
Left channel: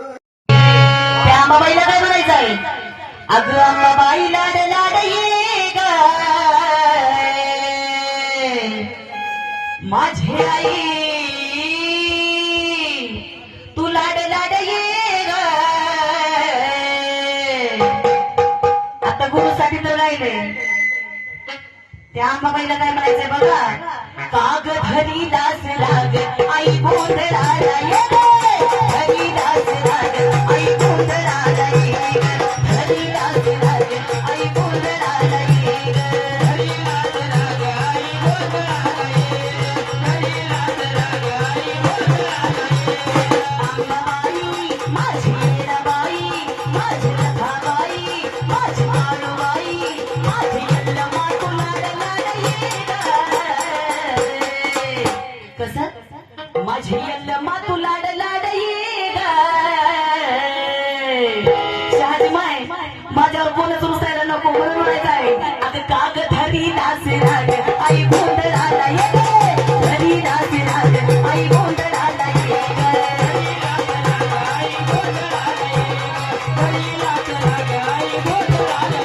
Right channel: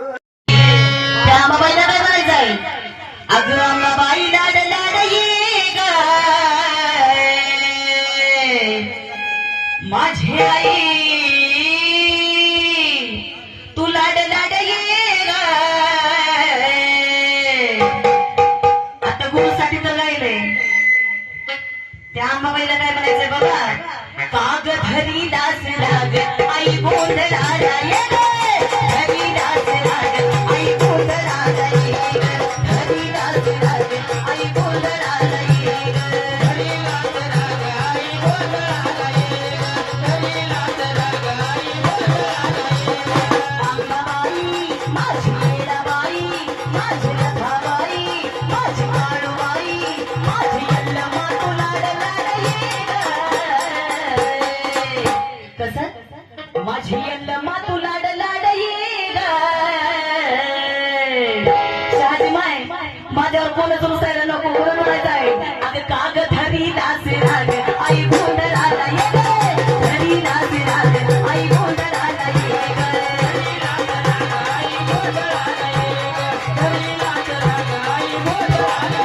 त्या अंबाबाईला काय म्हणायचं आहे? अगं अंबाबाई लाड लाड ये ग माझी आई तू लाड लाड ये ग आता गुरुसाठी तर राहिले त्या अंबाबाईला काय म्हणायचंय बघा काग धरी दास राग आई गोंधळाला ये ग धरी दास राग आई गोंधळाला ये ग धरी दास राग आई गोंधळाला ये ग धरी दास राग आई गोंधळाला ये ग धरी दास राग आई गोंधळाला ये ग अंबाबाई माझी मीराबाई माझी रथाबाई माझी माळूबाई माझी यल्लमा तुला लाड ये ग कसं माझी यल्लमा तुला लाड ये ग शहाजी माय माझ्यावर कोणच रुसायला नको म्हणून म्हणायचं आहे अगं काग धरी दास राग आई गोंधळाला ये ग धरी दास राग आई गोंधळाला ये ग धरी दास राग आई गोंधळाला ये ग धरी दास राग आई गोंधळाला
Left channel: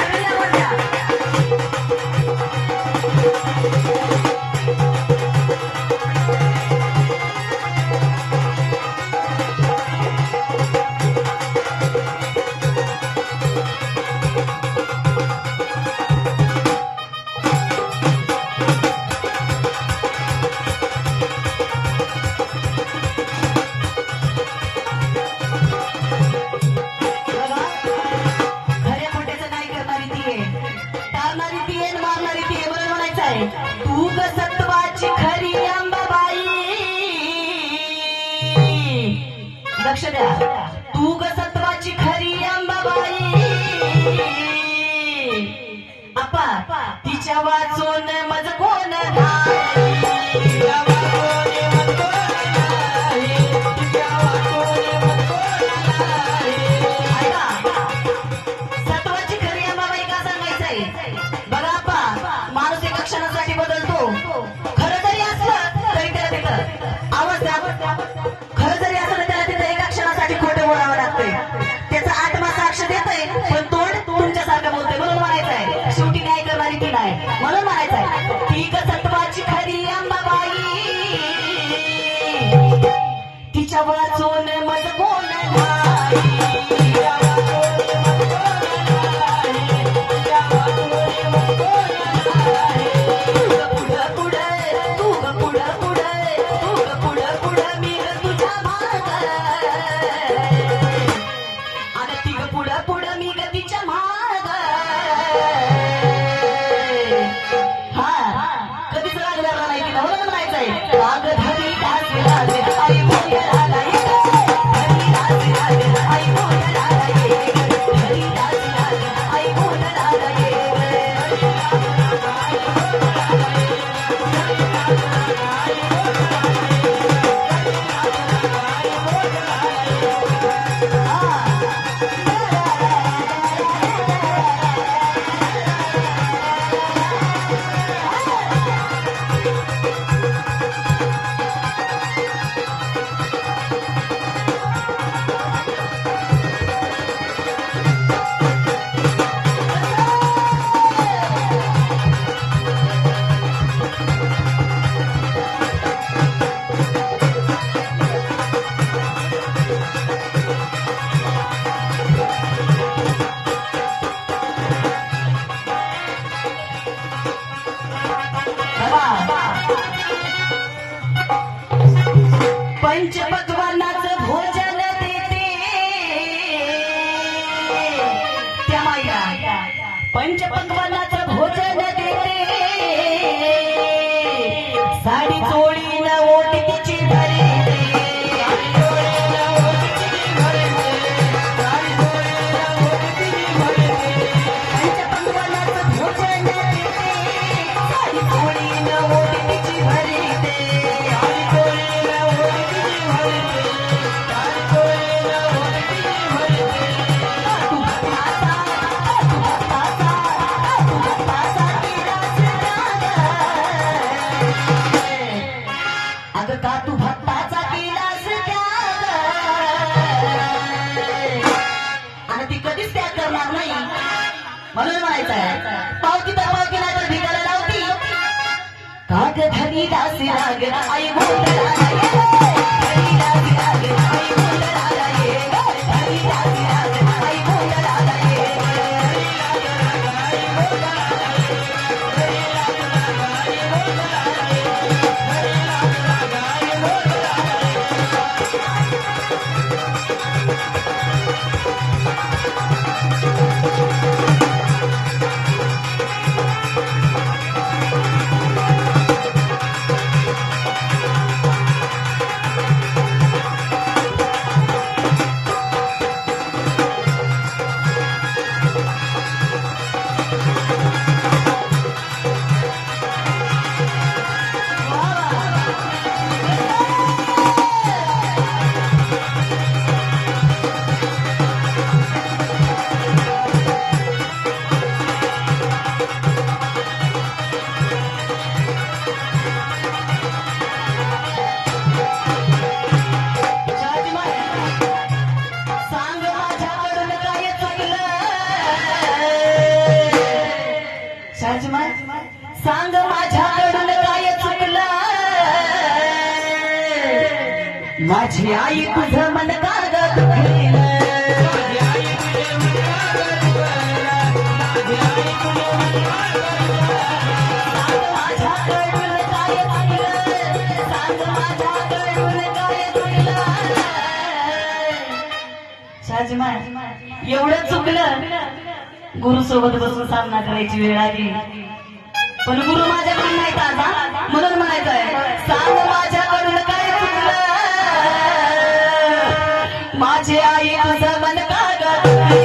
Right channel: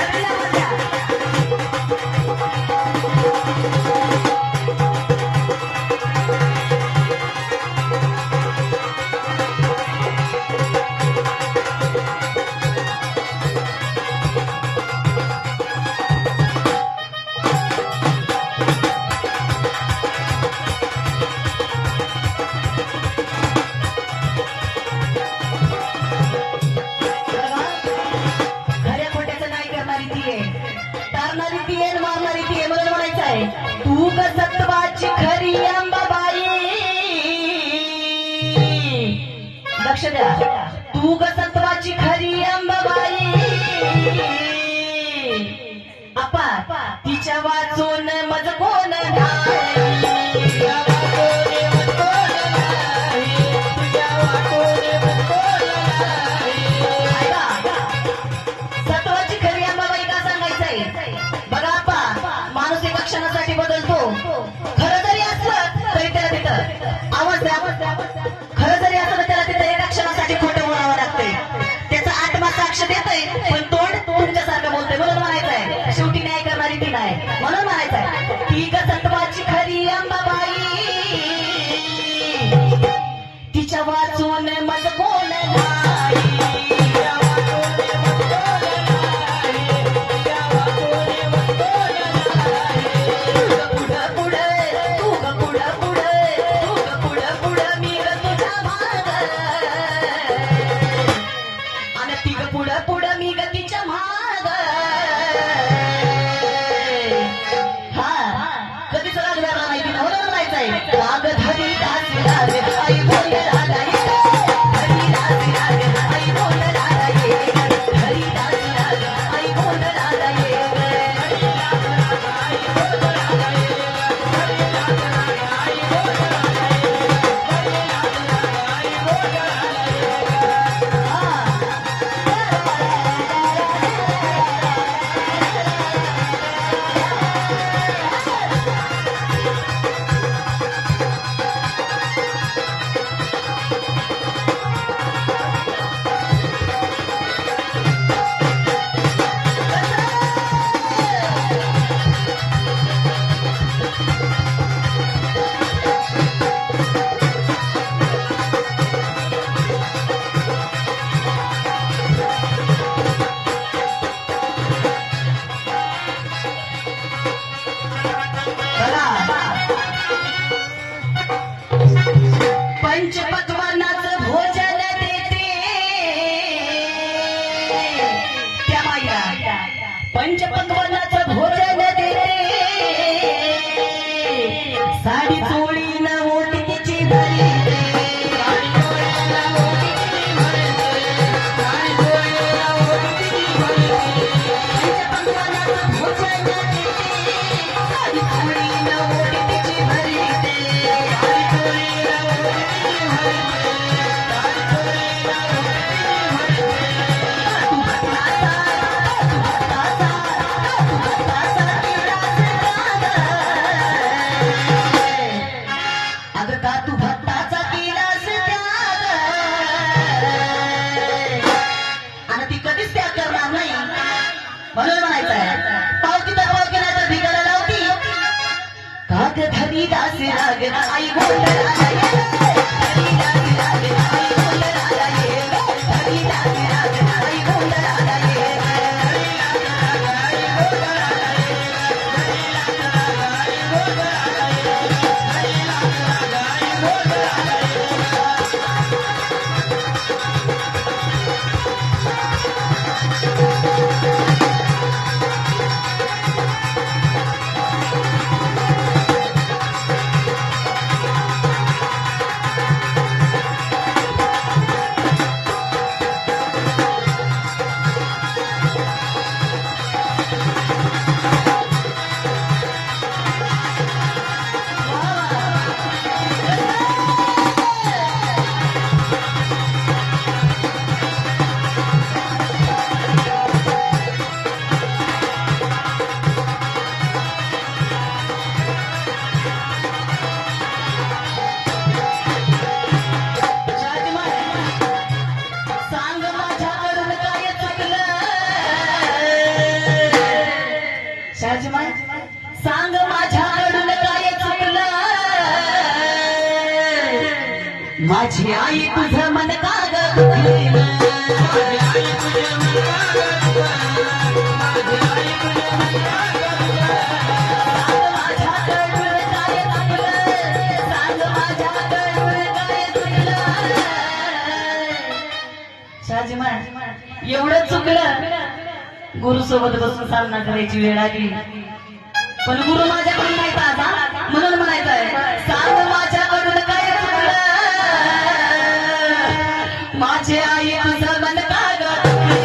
अरे या खऱ्या खोट्याचं नाही करणारी ती आहे तारणारी ती आहे मारणारी ती आहे बरोबर म्हणायचं आहे तू ग सत्वाची खरी अंबाबाई लक्ष द्या तू ग सत्वाची खरी अंबाबाई आपा तिच्या वाचून मज कोण नाही तिच्या वाचून मज कोण नाही तिच्या वाचून मज कोण नाही ऐका सत्वाची खरी अंबाबाई का सांगायचंय बघा आपा माणूस एका क्षणासाठी बदलतो खरं जरी असलं तरी त्याला तिथं आवाज खरं जरी असलं त्याला तिथं एका क्षणासाठी खोटं बोलावं लागतंय त्याचा आत्मा साक्ष देतय पण तोंड तुमच्यासारखं बोलतोय म्हणून म्हणायचं आहे शेवटी न्याय करणारी ती नाही म्हणून म्हणायचं आहे ती ग सत्वाची खरी अंबाबाई तिच्या वाचून मज कोण नाही तिच्या वाचून मज कोण नाही तिच्या वाचून मज कोण नाही तू ग पुढं पुढं तू ग पुढं पुढं मी ग तुझ्या मागं आणि ती ग पुढं पुढं करणार नाही म्हणून म्हणायचं आहे पावती तर पावती नाही तर भिगायला लावती काग धनी दासी राग आई सांग माझ्याकडून काय चुकलं माझी आई तुझं मन का ग दुखलं एवढं चुकलं गुरु सोबत बसून सामना करायची वेळ आली पण गुरु माझ्याकडून नाही का म्हणून म्हणायचंय सांग माझ्याकडून काय चुकलं माझी आई तुझं मन का ग दुखलं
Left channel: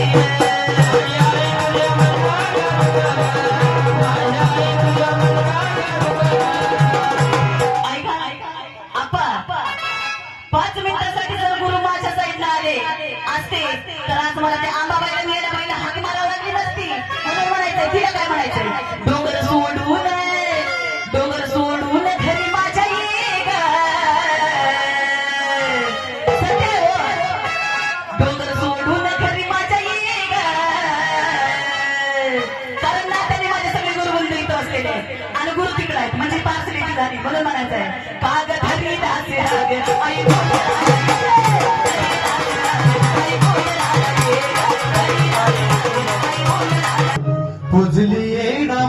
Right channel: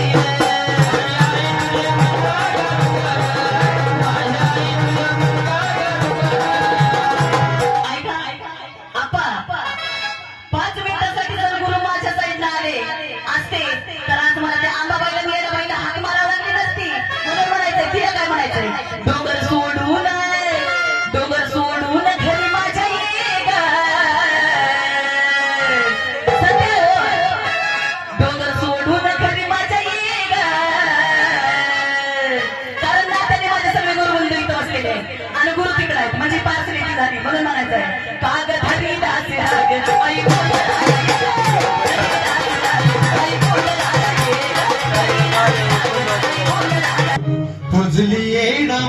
आपा 5 मिनिटासाठी जर गुरु माझ्या साईडला आले असते तर आज मला ते आंबाबाईला वेळेला महिला हाक मारावं लागली नसती म्हणून म्हणायचंय तिला काय म्हणायचंय डोंगर सोडून घरी माझ्या ये ग सगळे डोंगर सोडून घरी माझ्या ये ग कारण नात्याने माझे सगळे गुरु बंधू इथं असलेले आणि गुरु तिकडे आहेत म्हणजे पार्सलिटी झाली म्हणून म्हणायचंय काग धरी दासी राग आई पुजली येणं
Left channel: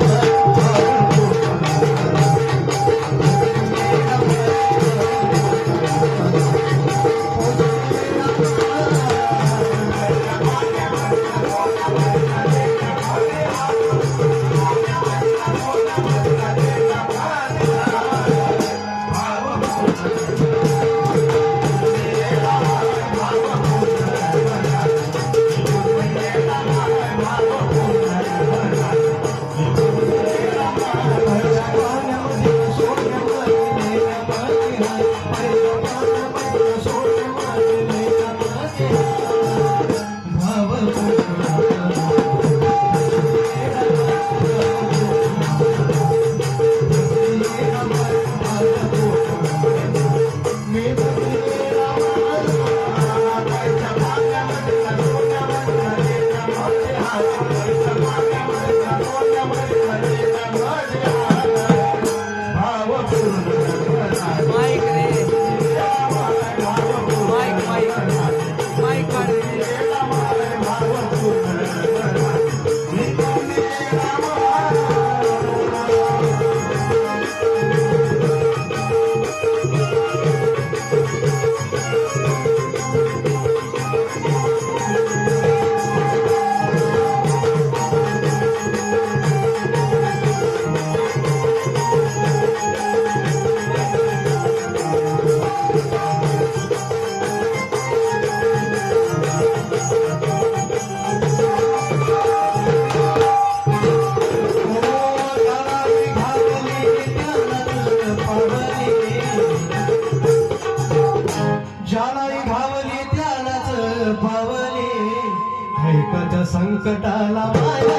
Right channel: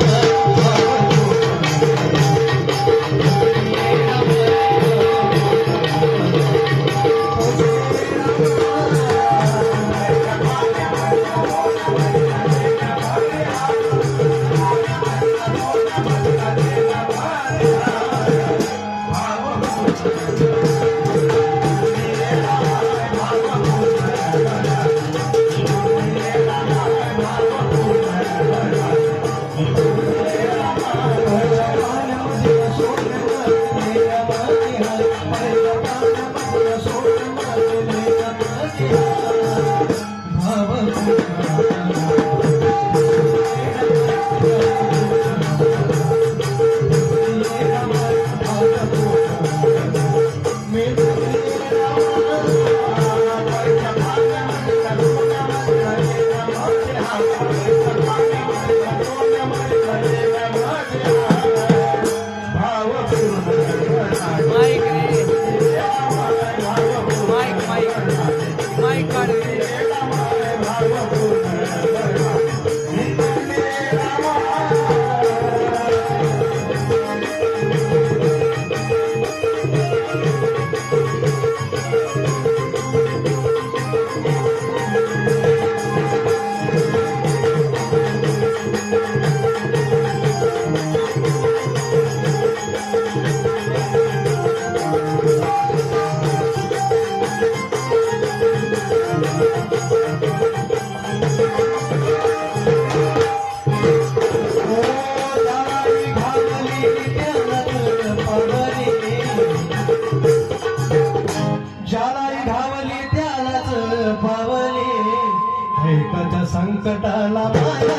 संकटाला माया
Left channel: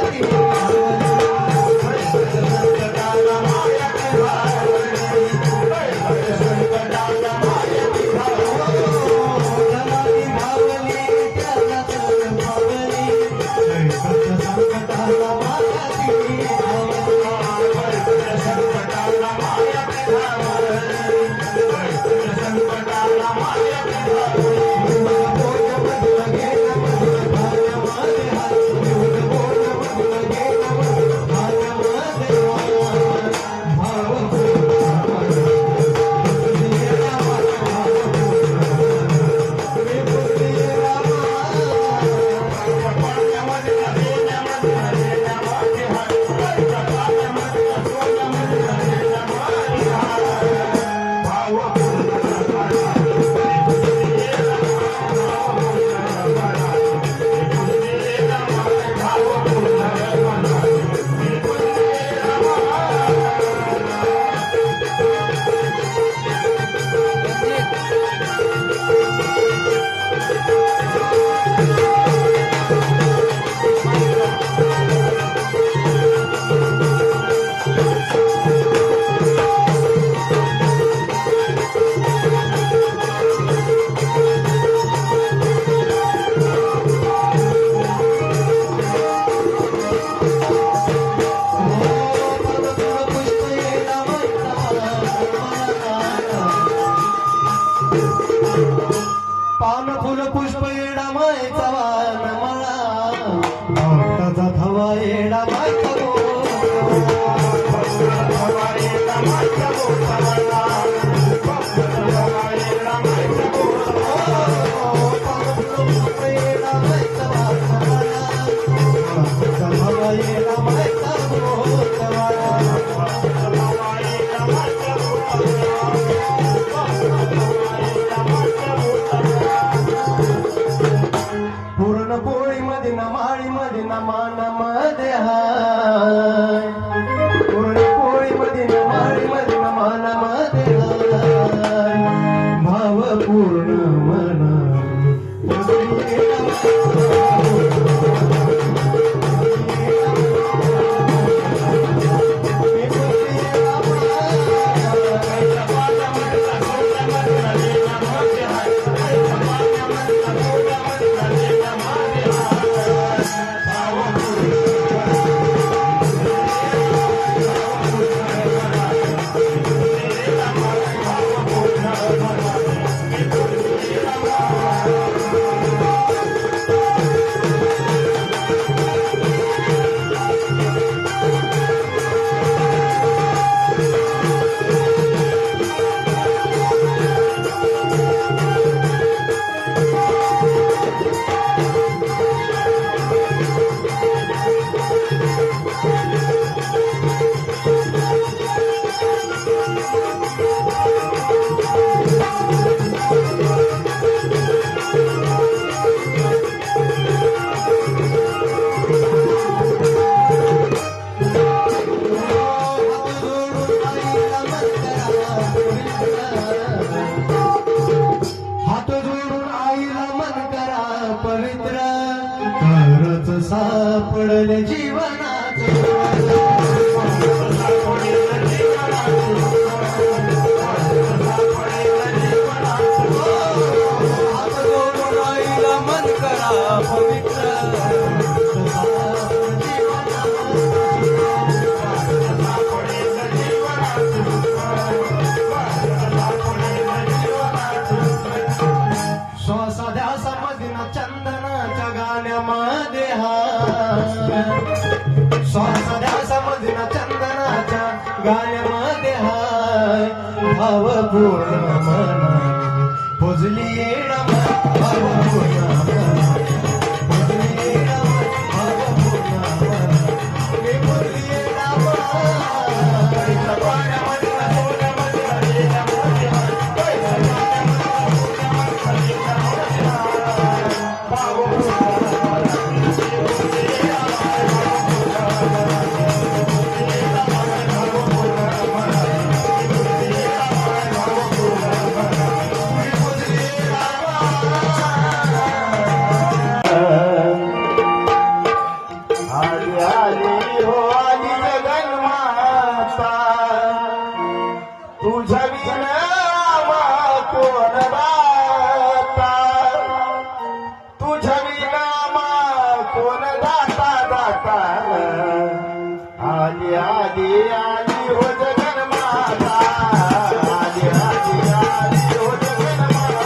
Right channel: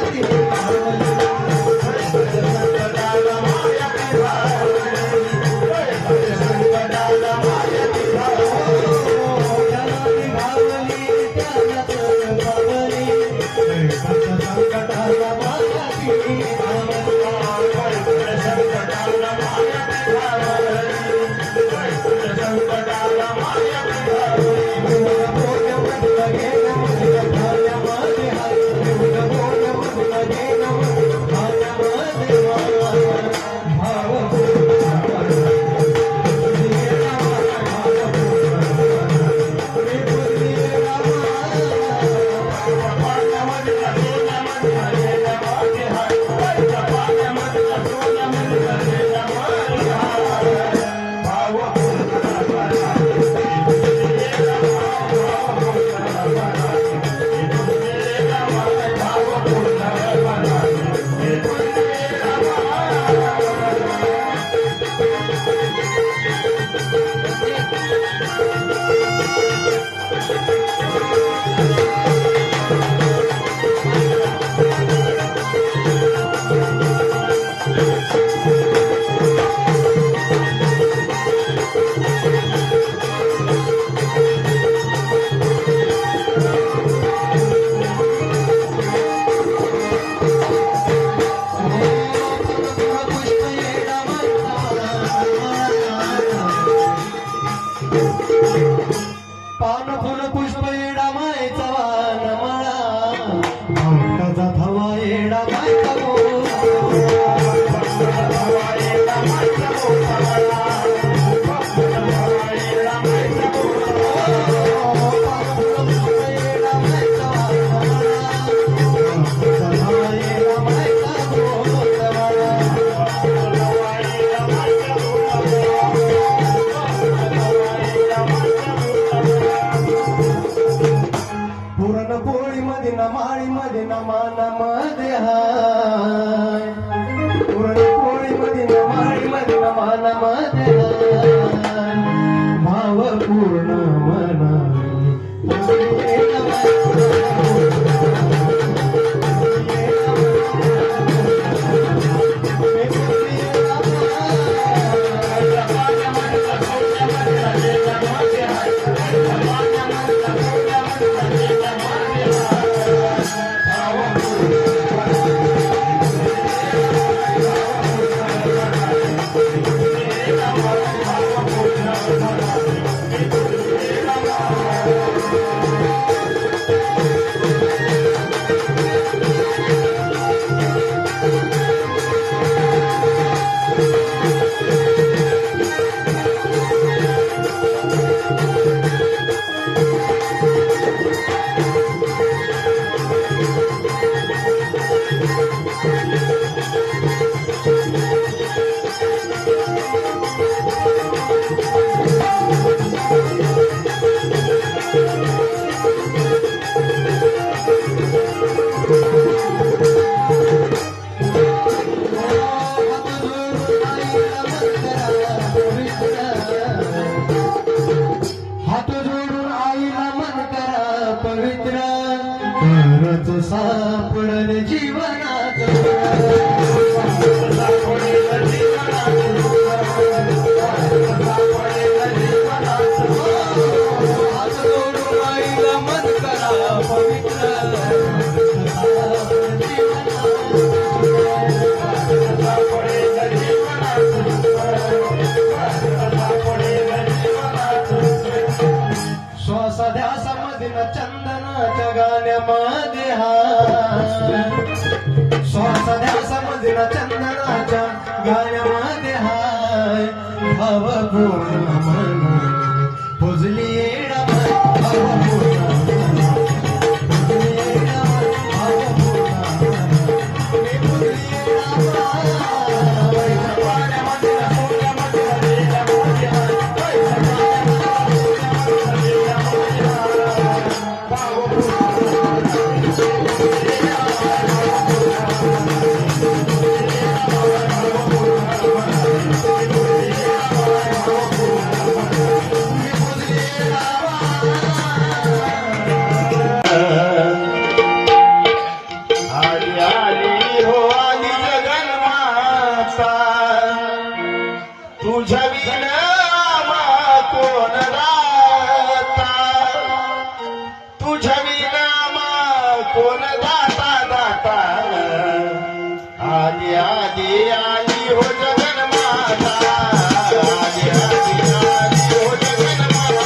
व्हायचा वान मला भक्ताचा थवा येडा व्हायचा पुरणपोळी मध्ये नमाळी मध्ये नमानामध्ये हाय पुरणपोळी मध्ये नमाळी मध्ये नमानामध्ये हाय भाव पूर्ण मना हात जोडून आईला मन करा पवित्र तरच सापडले जीवनात हात जोडून आईला मन करा पवित्र श्वासाध्यासामध्ये चंदनाच्या गाण्यामध्ये हाय श्वासाध्यासामध्ये चंदनाच्या गाण्यामध्ये हाय भावपूर्ण मना पुजली येडा भावपूर्ण मना पुजली येडा भावपूर्ण मना मी पुजली आली आली हो आली जगन्माता तुझ्या विना कोण राहता तुझ्या विना कोण दाता दाता आली आली आली हो जगन्माता आली आली आली हो जगन्माता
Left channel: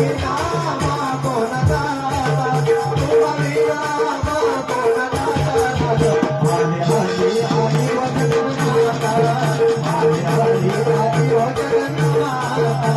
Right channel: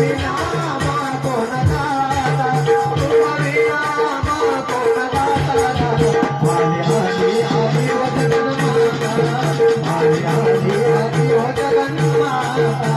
विना कोण दाता तुझा विना कोण दाता आली आली आली जगन्माता आली आली आली जगन्माता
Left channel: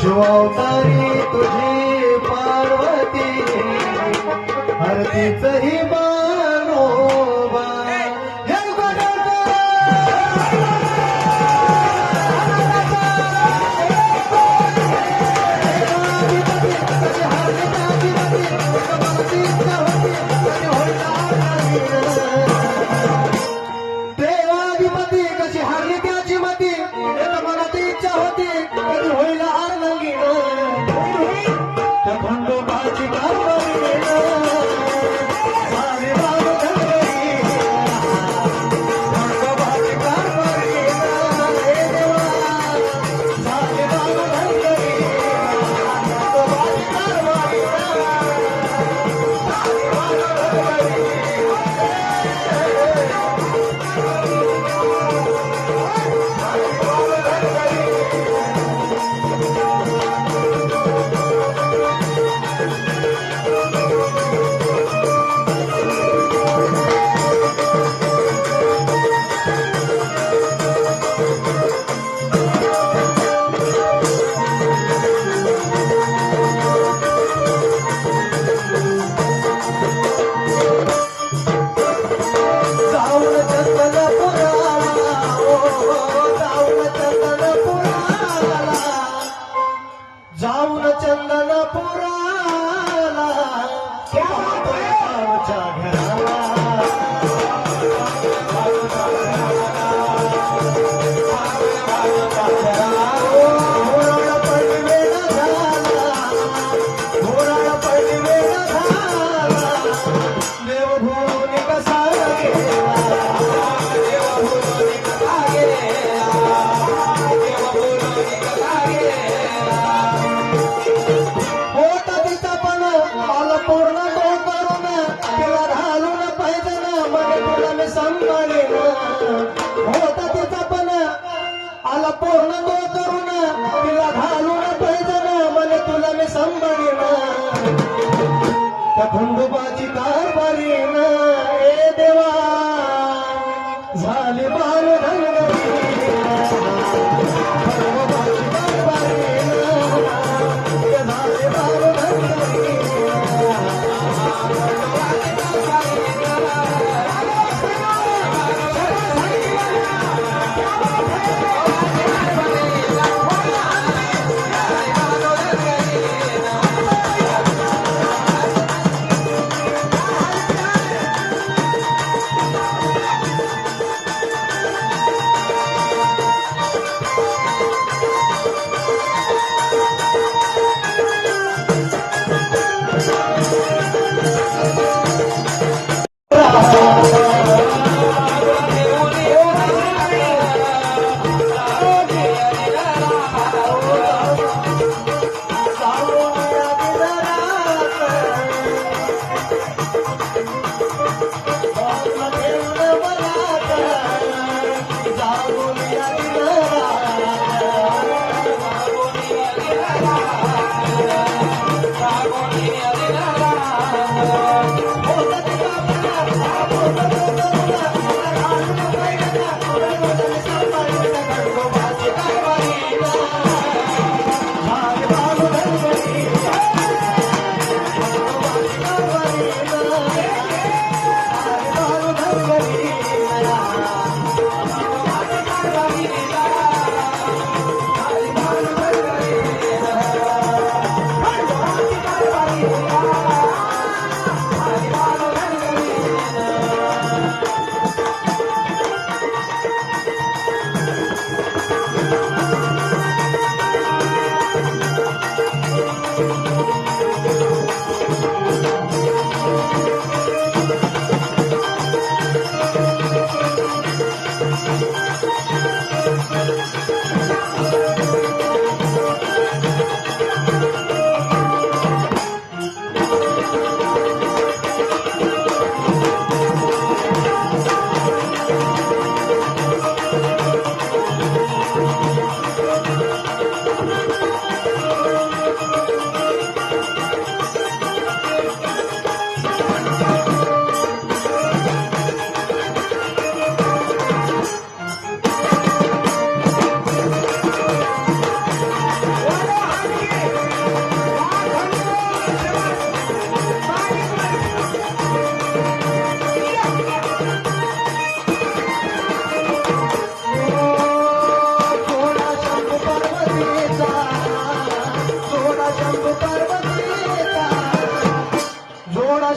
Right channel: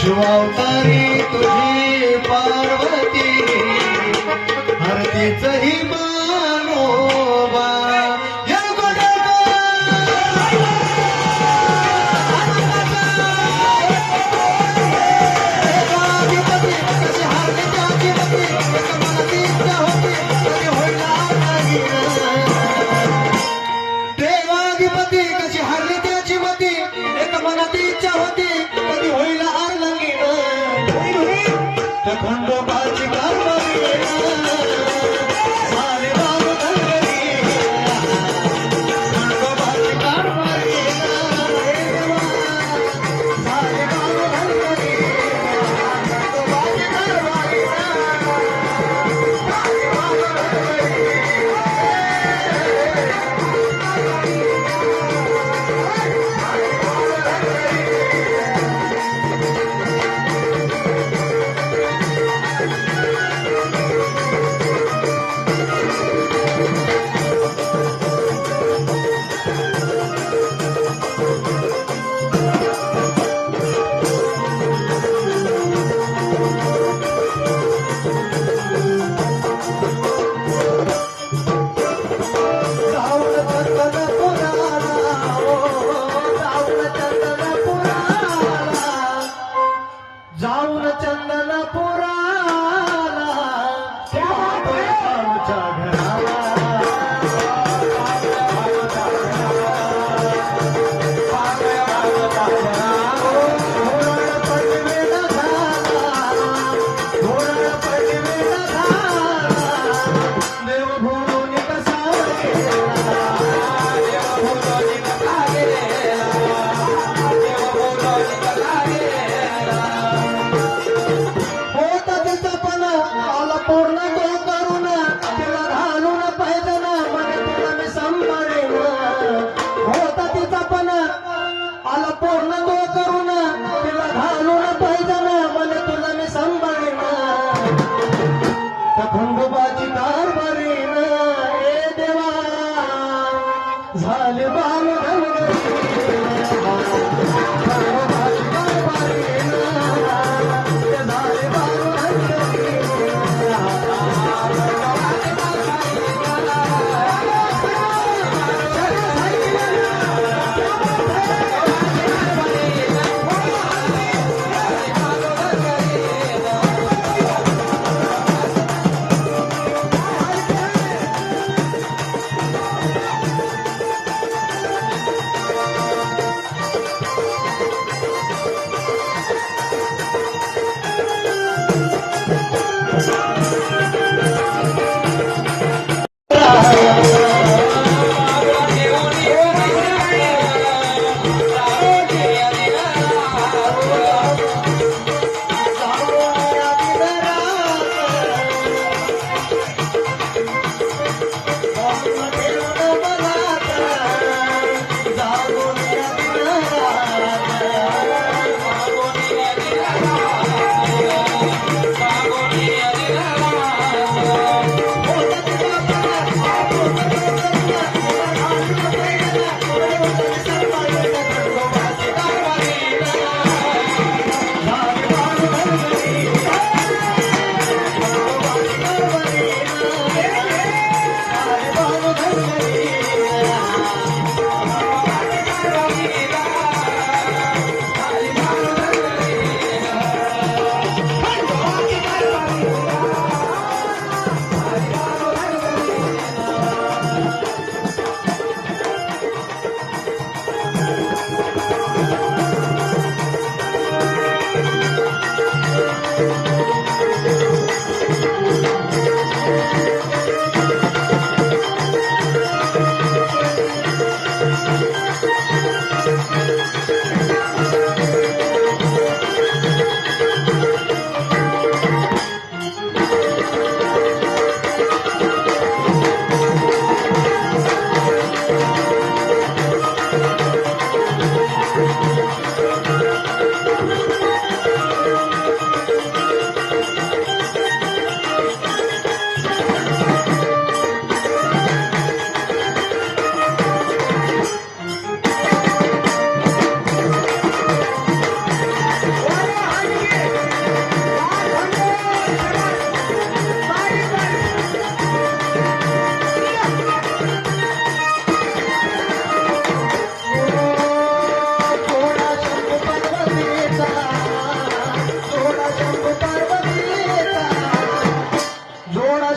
शिवावतारी तुझी पार्वती हरतीच ही मानोबा हे देवाधिपती कशी हारली त्याची मती एक मनात इच्छा होती कधी होईल हार लगीन खंडोबाची कारवाई सारे राम धनगरी खंडोबाची कारवाई सारे राम धनगरी खंडोबाची कारवाई जाऊन चंदनपुराला आमच्या घराला देवभूमी कसा गेला देवभूमी कसा गेला देवभूमी कसा गेला होत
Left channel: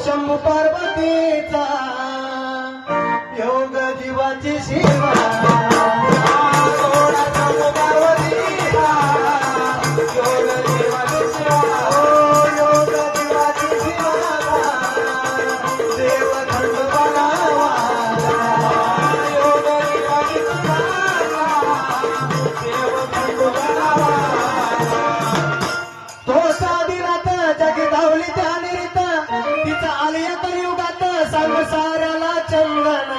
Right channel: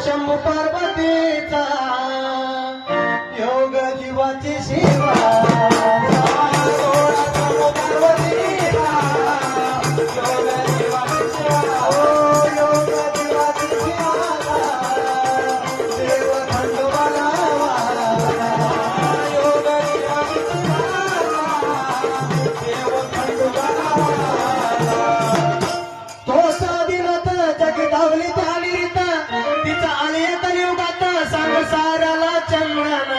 शंभू पार्वतीचा योग जीवाची सेवा थोडा शंभू पार्वतीचा योग जीवाची सेवा योग जीवाची सेवा देव खंडोबाला योग जीवाची सेवा देव खंडोबाला तो साधीनाथ जगी धावली त्याने रीत तिचा आलिया कलियुगात सांग साऱ्याला चंदन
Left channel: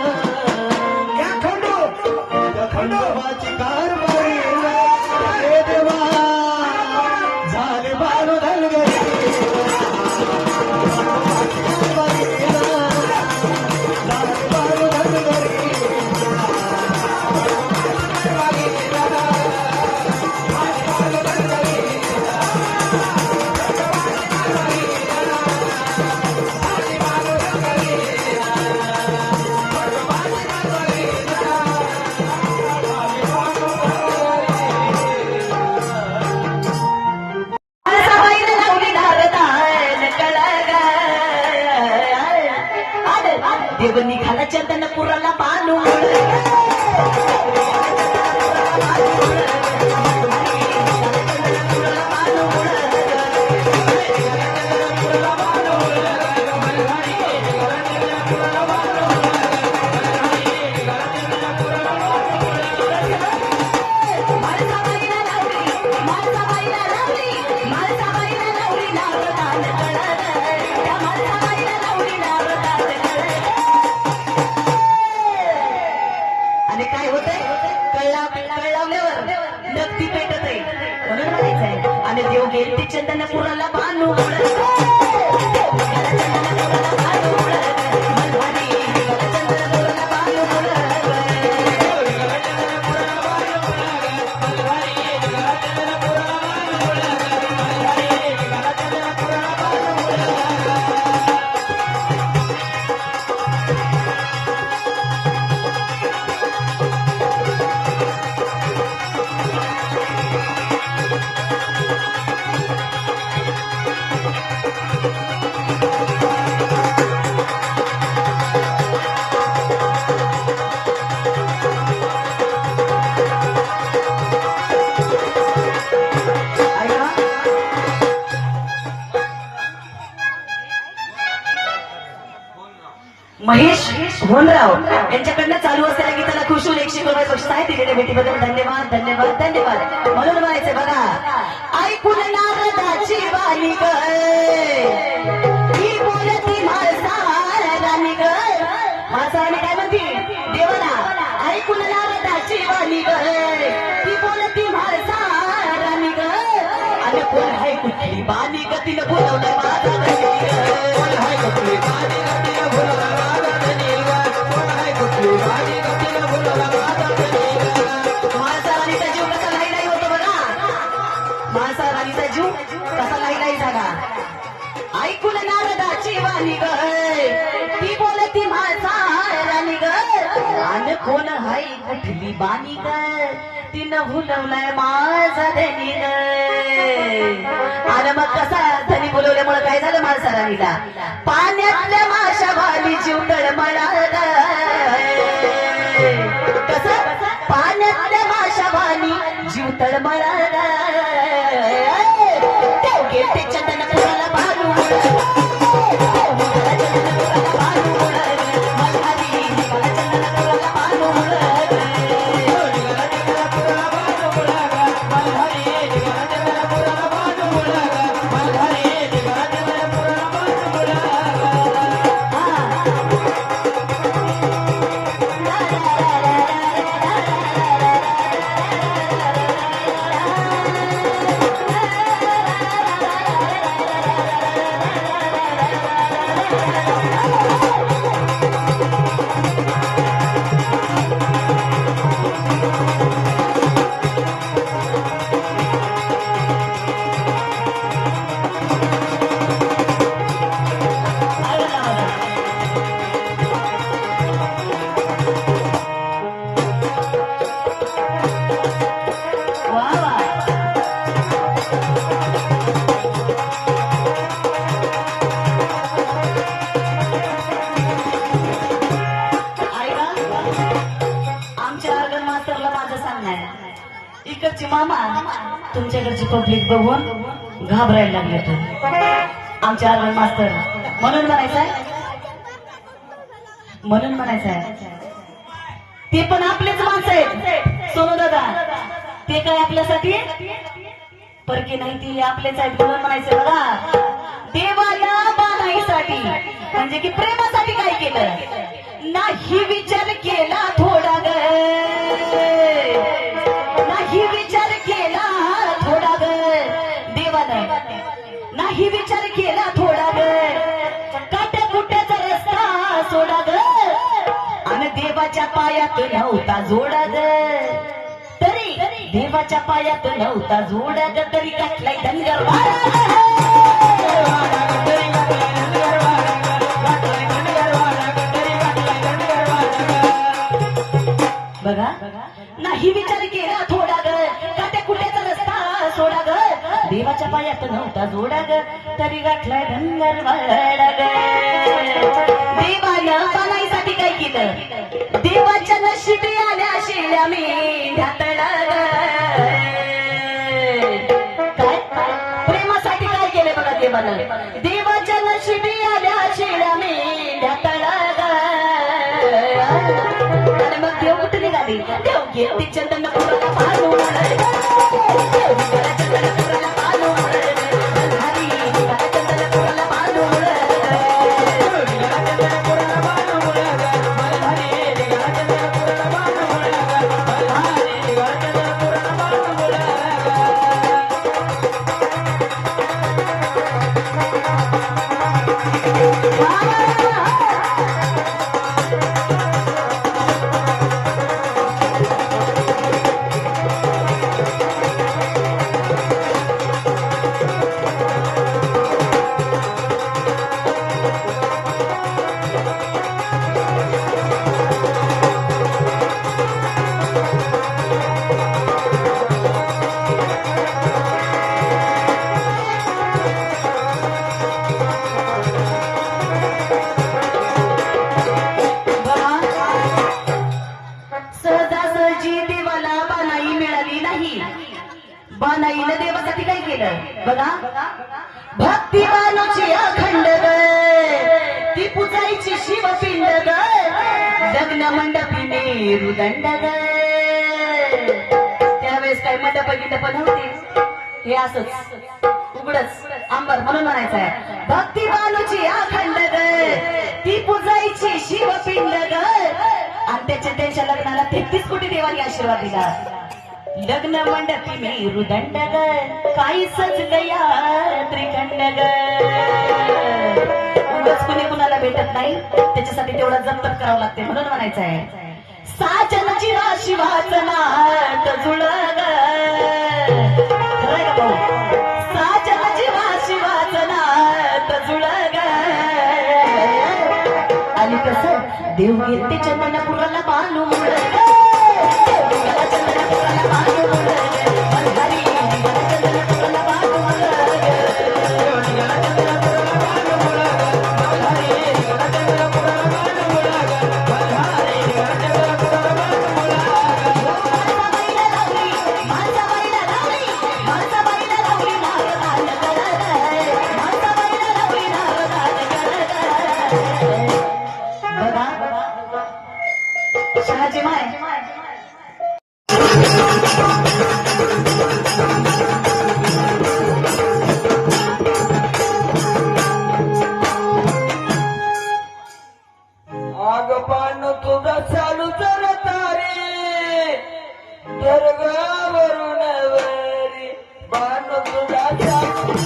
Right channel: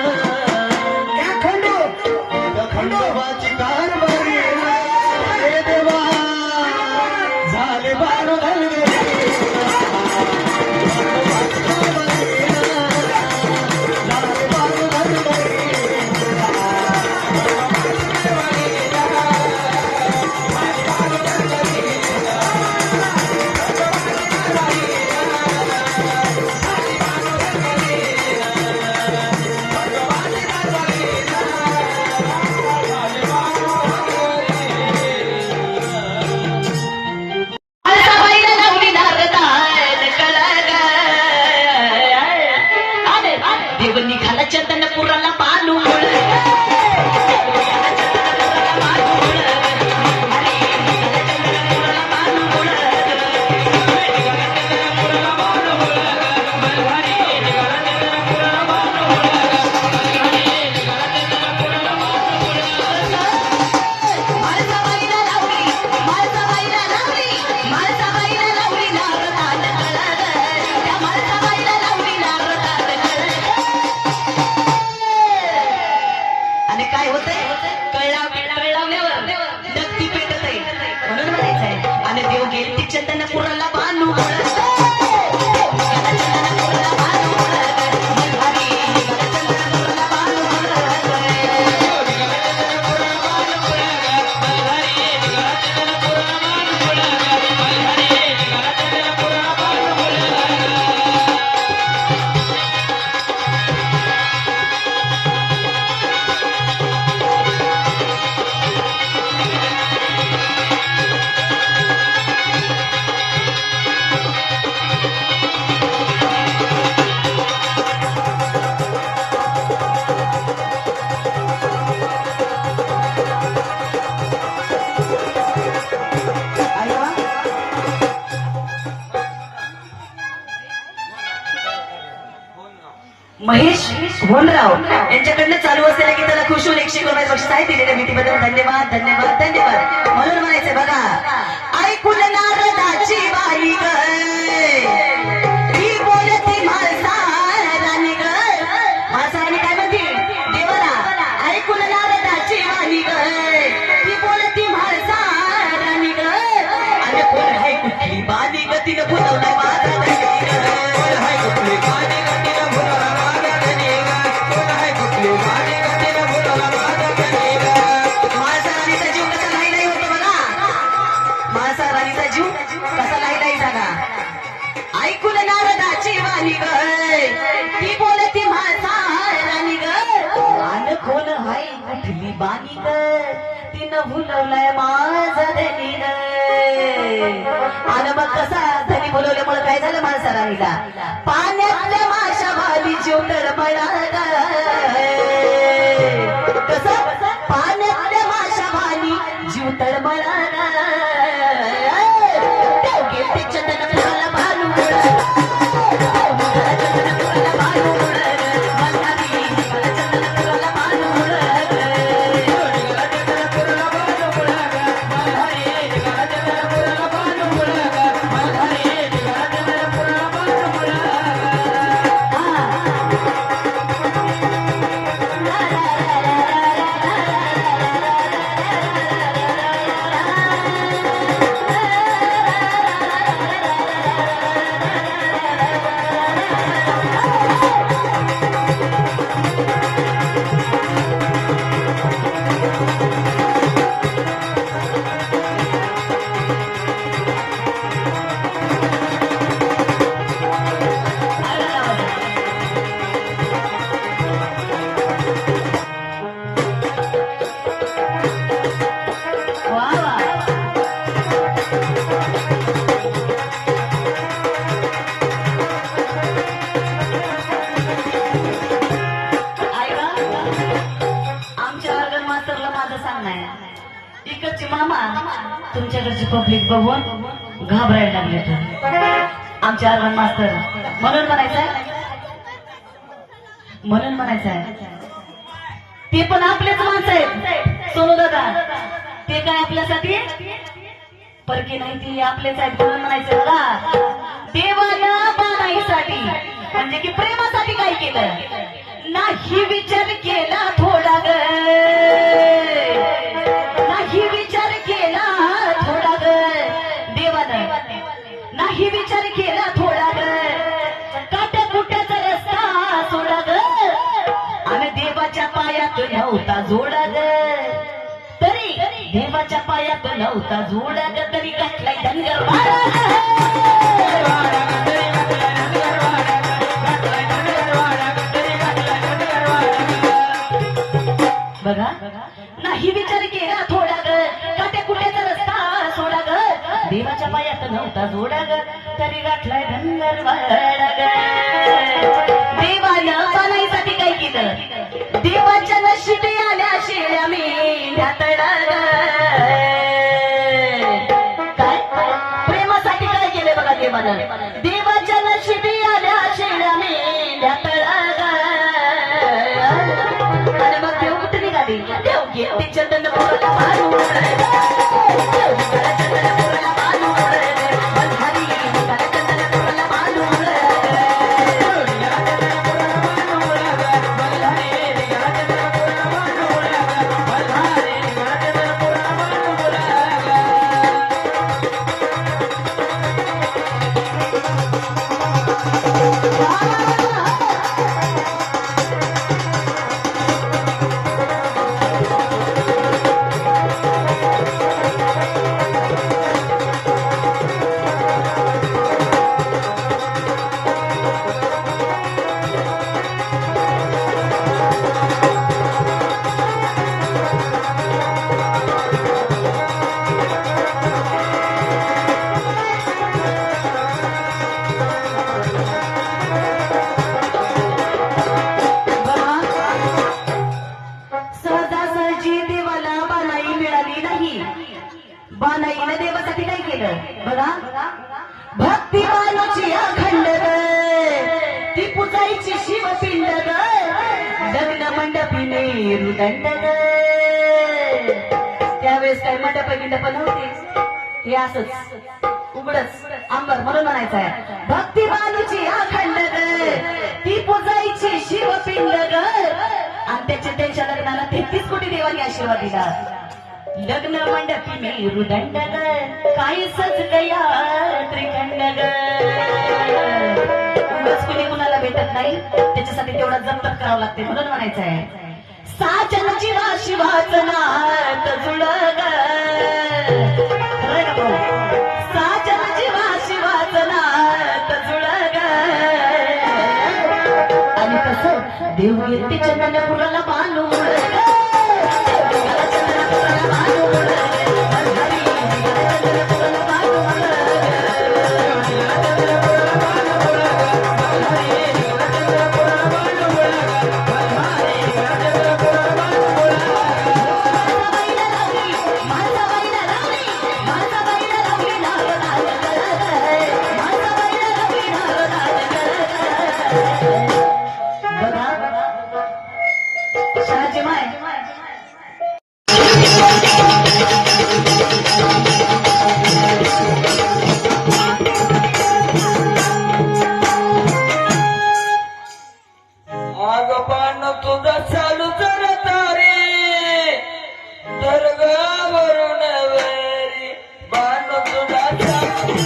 या खंडोबाची कारभारी हे देवा झाले बाळू घालगरी झाले बाळू घालगरी देव निघाला चंदनपुराला बालू आणि काय होतंय कळलावल्यावर नक्की पेटत आहे म्हणून म्हणायचंय आणि देव गेली ती चंदनपुराला बांधू महेश भोनराव यांच्याकडनं चालू असलेल्या गीताला खुश होऊन 100 रुपये बक्षीस आहे. दिलेल्या भेटीबद्दल धन्यवाद धन्यवाद धन्यवाद. म्हणून म्हणायचं बघा ऐकून नारदाची वाणी ग ती बोलती म्हाळसारानी ग म्हाळसारानी काय म्हणती देवाला ऐकून नारदाची वाणी ग ती बोलती म्हाळसारानी ग आणि कोण आहे कुठली बाणी ग तिनं बोलवलं माझा कोण आहे कुठली बाणी ग तिनं बोलवलं माणसा राणीचा जीव कसा नाही होतो बघा माणसा राणीचा जीव कसा नाही झाला. ऐकून नारदाची वाणी ग ती बोलती म्हाळसा राणी ग आणि कोण हाय कुठली बाणी ग तिनं भुलवलाय माझा धनी ग. आणि मग कसा धनी बोलवल्यामुळे काय झालं माणसा राणीला पाण्यातल्या माशा वाली जीव तळमळा कसं पाण्यातल्या माशा वाणी जीव तळमळा गेटे चंदनपुराला बालू तुमच्याकडचे मामा तुमच्याकडची पब्लिक बघून घाबरायला लागले तर आमचे अर्बन मास्तर म्हणून म्हणायचंय ते पण आपलेच माणसं आहेत सोनू दादा ते काय आपल्यासाठी परके नाही ते आपलेच आहेत म्हणून म्हणायचं बघा देवाला बाणाईसाठी म्हणजे की प्रेमासाठी काय केलं नाही विचार केला थोडा ग नाही विचार केला थोडा ग देवानं नाही विचार केला थोडा ग काट्या कुट्याचा रस्ता सोडा ग आणि देवाच्या पायात नव्हता जोडा ग तरी देवाच्या पायात नव्हता जोडा ग तरी गाठलाय धनगर बघा नाही विचार केला थोडा ग काट्या कुट्याचा रस्ता सोडा ग देवाच्या पायात नव्हता जोडा ग तरी गाठलाय धनगर वाडा ग देवानं बाणाईसाठी काय केलं देवाच्या नशिबी आल्या शेळ्या मेंढ्यातडा काय प्रेमासाठी काय केलं बघा देवानं देवाच्या नशिबी आल्या शेळ्या मेंढ्यातडा आणि मग देव कुठे निघाली देव घेते चंदनपुराला मानू चंदनपुराला मानू चंदनपुराला मानू सहजासहजी देवाला बाणाई मिळाली नाही बाणाईनं देवासाठी काय केलं बघा भक्तिमानाची अखंड ग ती पुजायची शिवपिंड ग लग्न मंडपी मेरुदंड ग त्यावेळेस काय मंडप गिंडप नव्हते हे असंच उघडच आंबर म्हणून म्हणायचं आहे भक्तिमानाची अखंड ग ती पुजायची शिवपिंड ग आणि त्याच्या लग्नाला 33 कोटी देवांनी आशीर्वाद दिला लग्न मंडपी मेरुदंड ग काही सज गया त्रिखंड ग उगाच कुणी कुणाला भेटत नाही त्याच्यासाठी तेवढं जप्त करावं लागते म्हणून म्हणायचं आहे साजनाची वाशी वाचनात जुळग साजनाची वाशी वाचनात जुळग आणि कसं देव घेते चंदनपुराला बांधून शहाजी माय आग पान तुझा चालू जरा तारे दर्गावरून वेरी पान तुझा चालू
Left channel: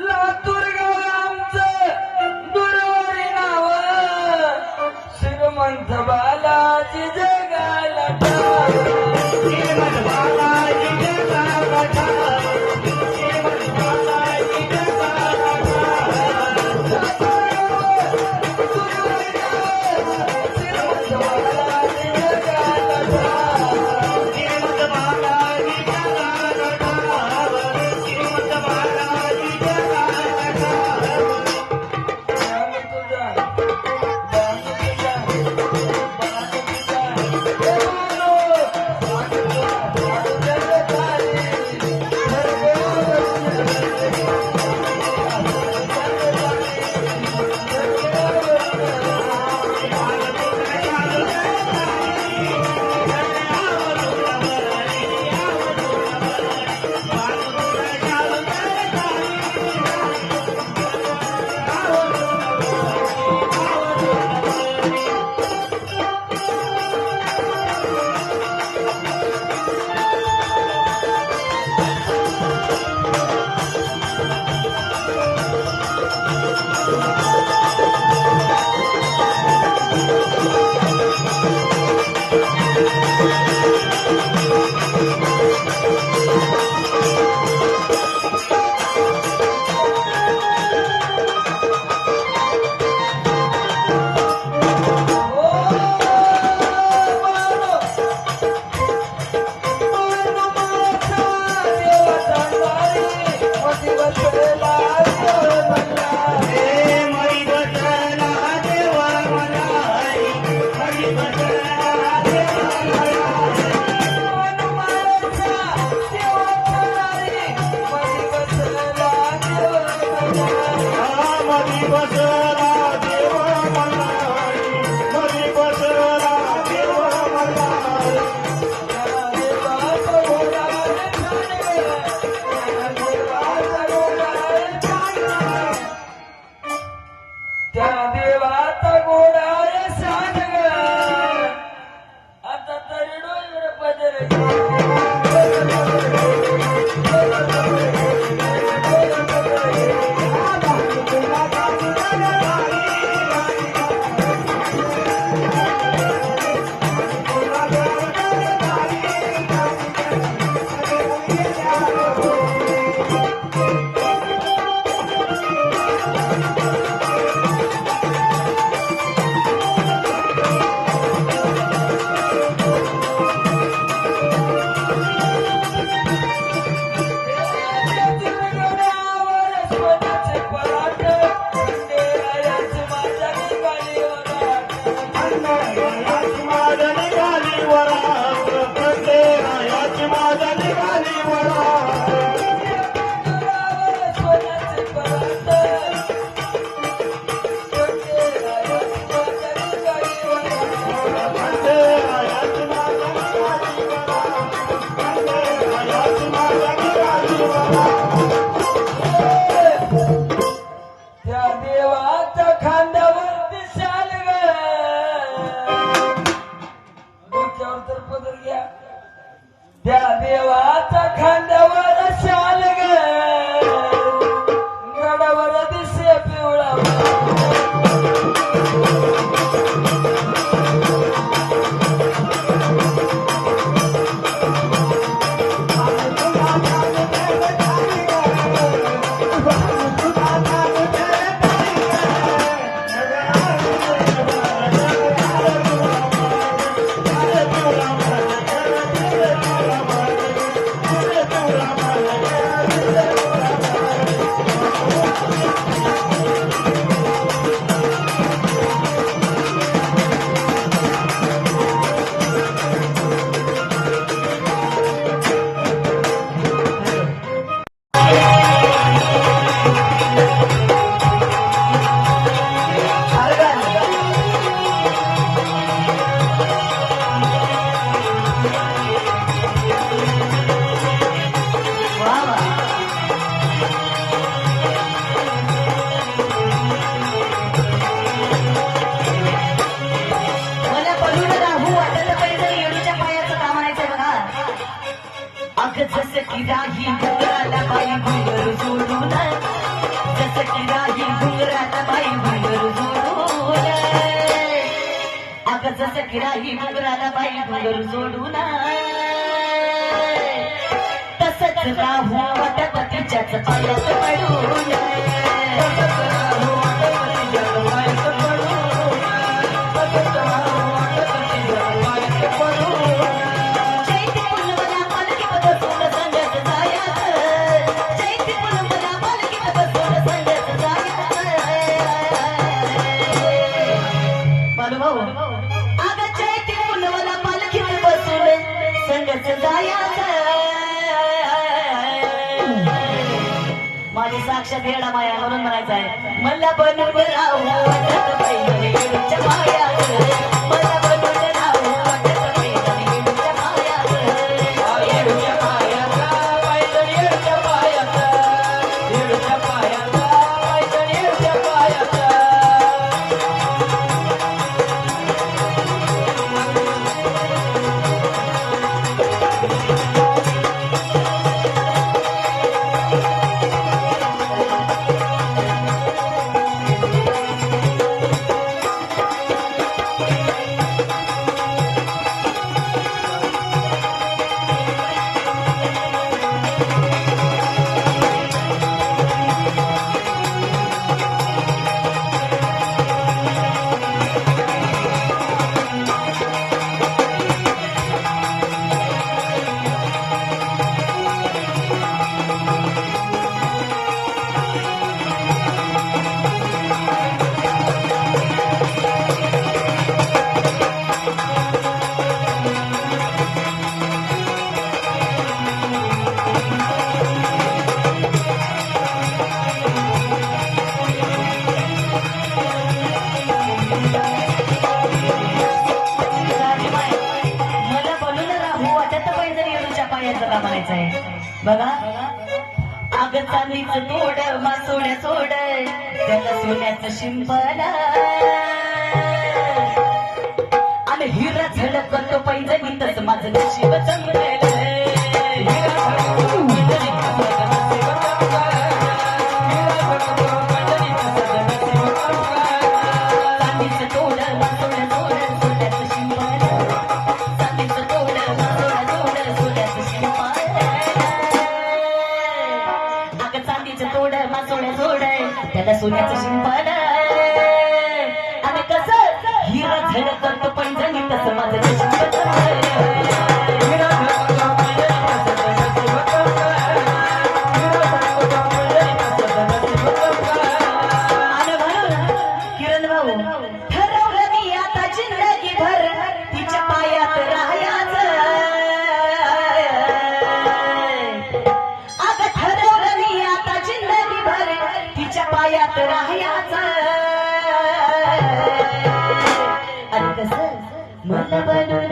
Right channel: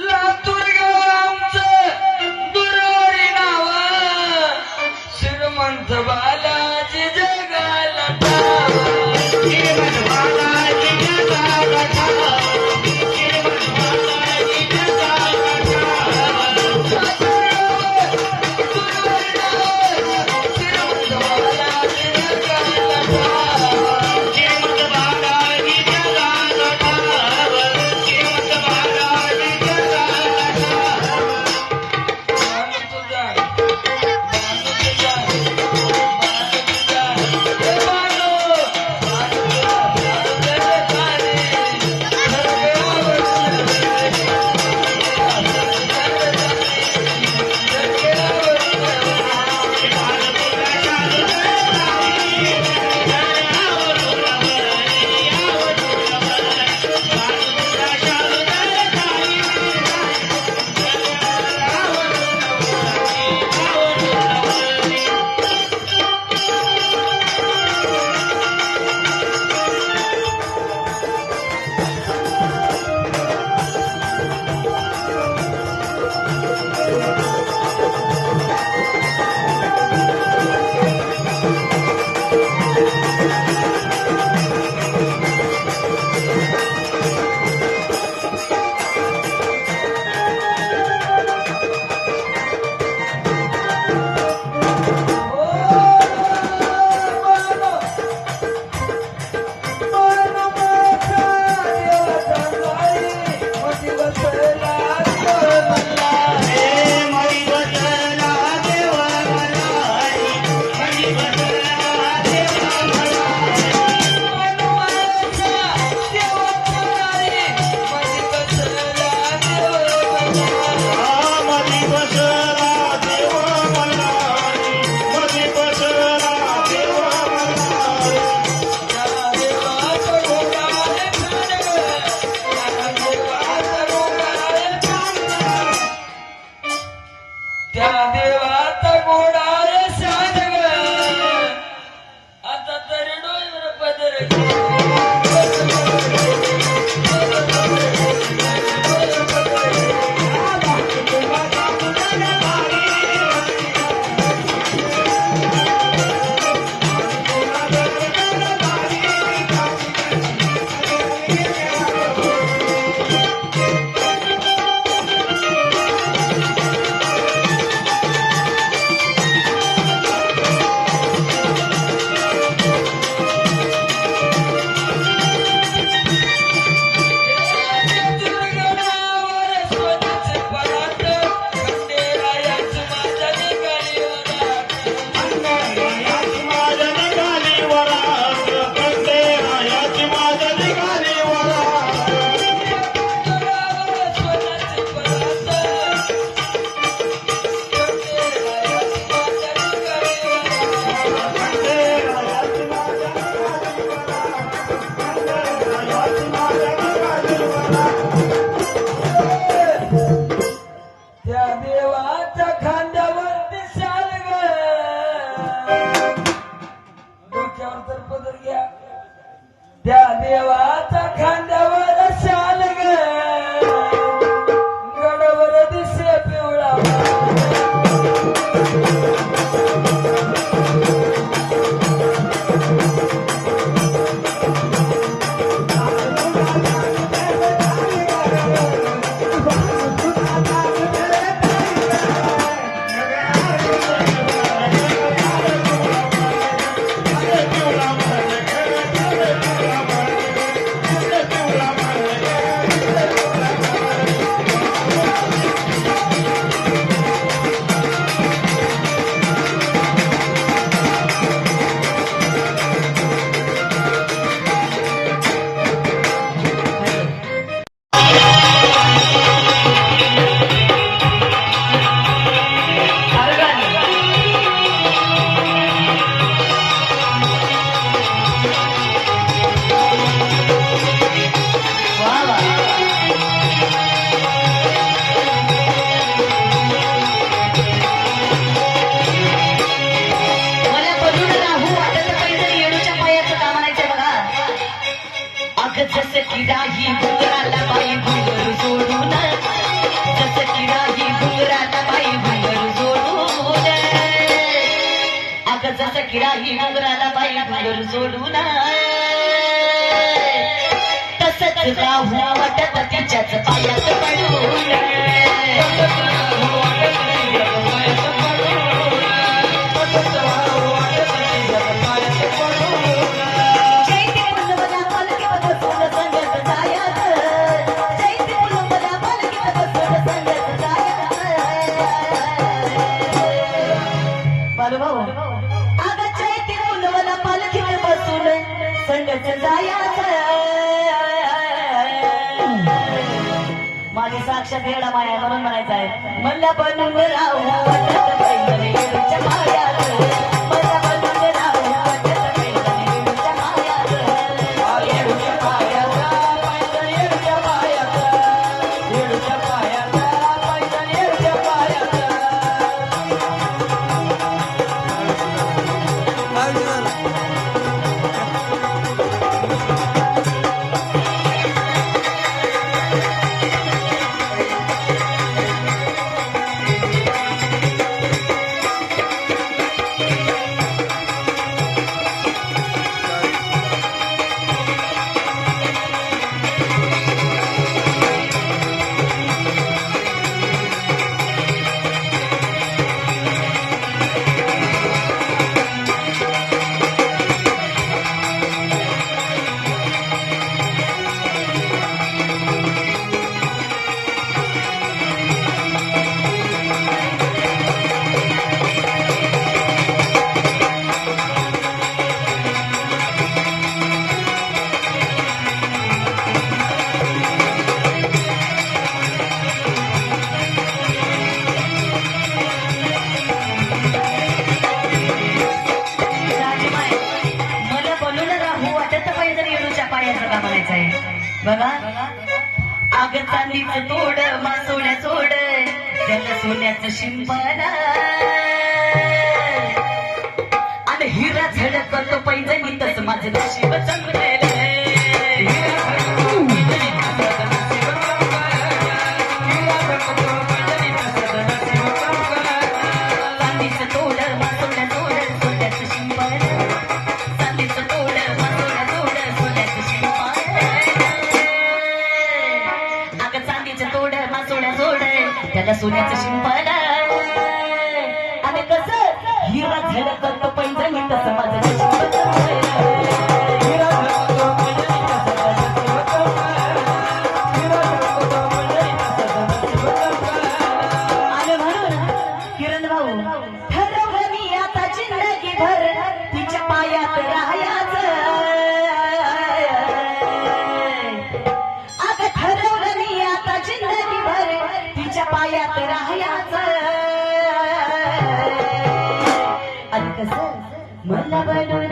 लातूर गाव आमचं दुरारी नाव श्रीमंत बालाजी जगाला ठाव. श्रीमंत बालाजी जगाला ठाव. श्रीमंत बालाजी जगाला ठाव. दुरारी नाव श्रीमंत बालाजी जगाला ठाव. श्रीमंत बालाजी जगाला ठाव. श्रीमंत बालाजी पिवळा जसं की राही घुंगराला बाई घुंगर जोडून जसं की राही घुंगराला बाई घुंगर जोडून अगं जसं की राही घुंगराला बाई घुंगर जोडून तसंच राहू वाटत तिच्याच पायात पडून माझी साक्षात येडा माया म्हणून म्हणायचं आहे मला बनून राहू वाटत पैदल येडूच्या मायात मला बनून राहू वाटत पैदल येडूच्या मायात येडूच्या पायात पैदल येडूच्या पायात येडूच्या पायात पैदल येडूच्या पायात बघा अग चांदीचं तोड मासोड्या सोड त्याला सोन्याचं शिंपण आणि हिरा झडत करतो पैजणी तसं माझं नशीब जमलेलं चांदीचं तोड मासोड्या सोड सोन्याचं शिंपण चांदीचं तोड मासोड्या सोड सोन्याचं शिंपण तोड मासोड्या जोड त्याला सोन्याचं शिंपण आणि कसं हिरा झडत करतो पैजणी तसं माझं नशीब हिरा झडतो पैजणी तसं आणि म्हणून किरण भाऊ ठरवलं मी आता जिंदगी भर तिच्या पायात राहायचं आता ठरवलं मी आता जिंदगी भर तिच्या पायात राहायचं आणि कसं मला बनून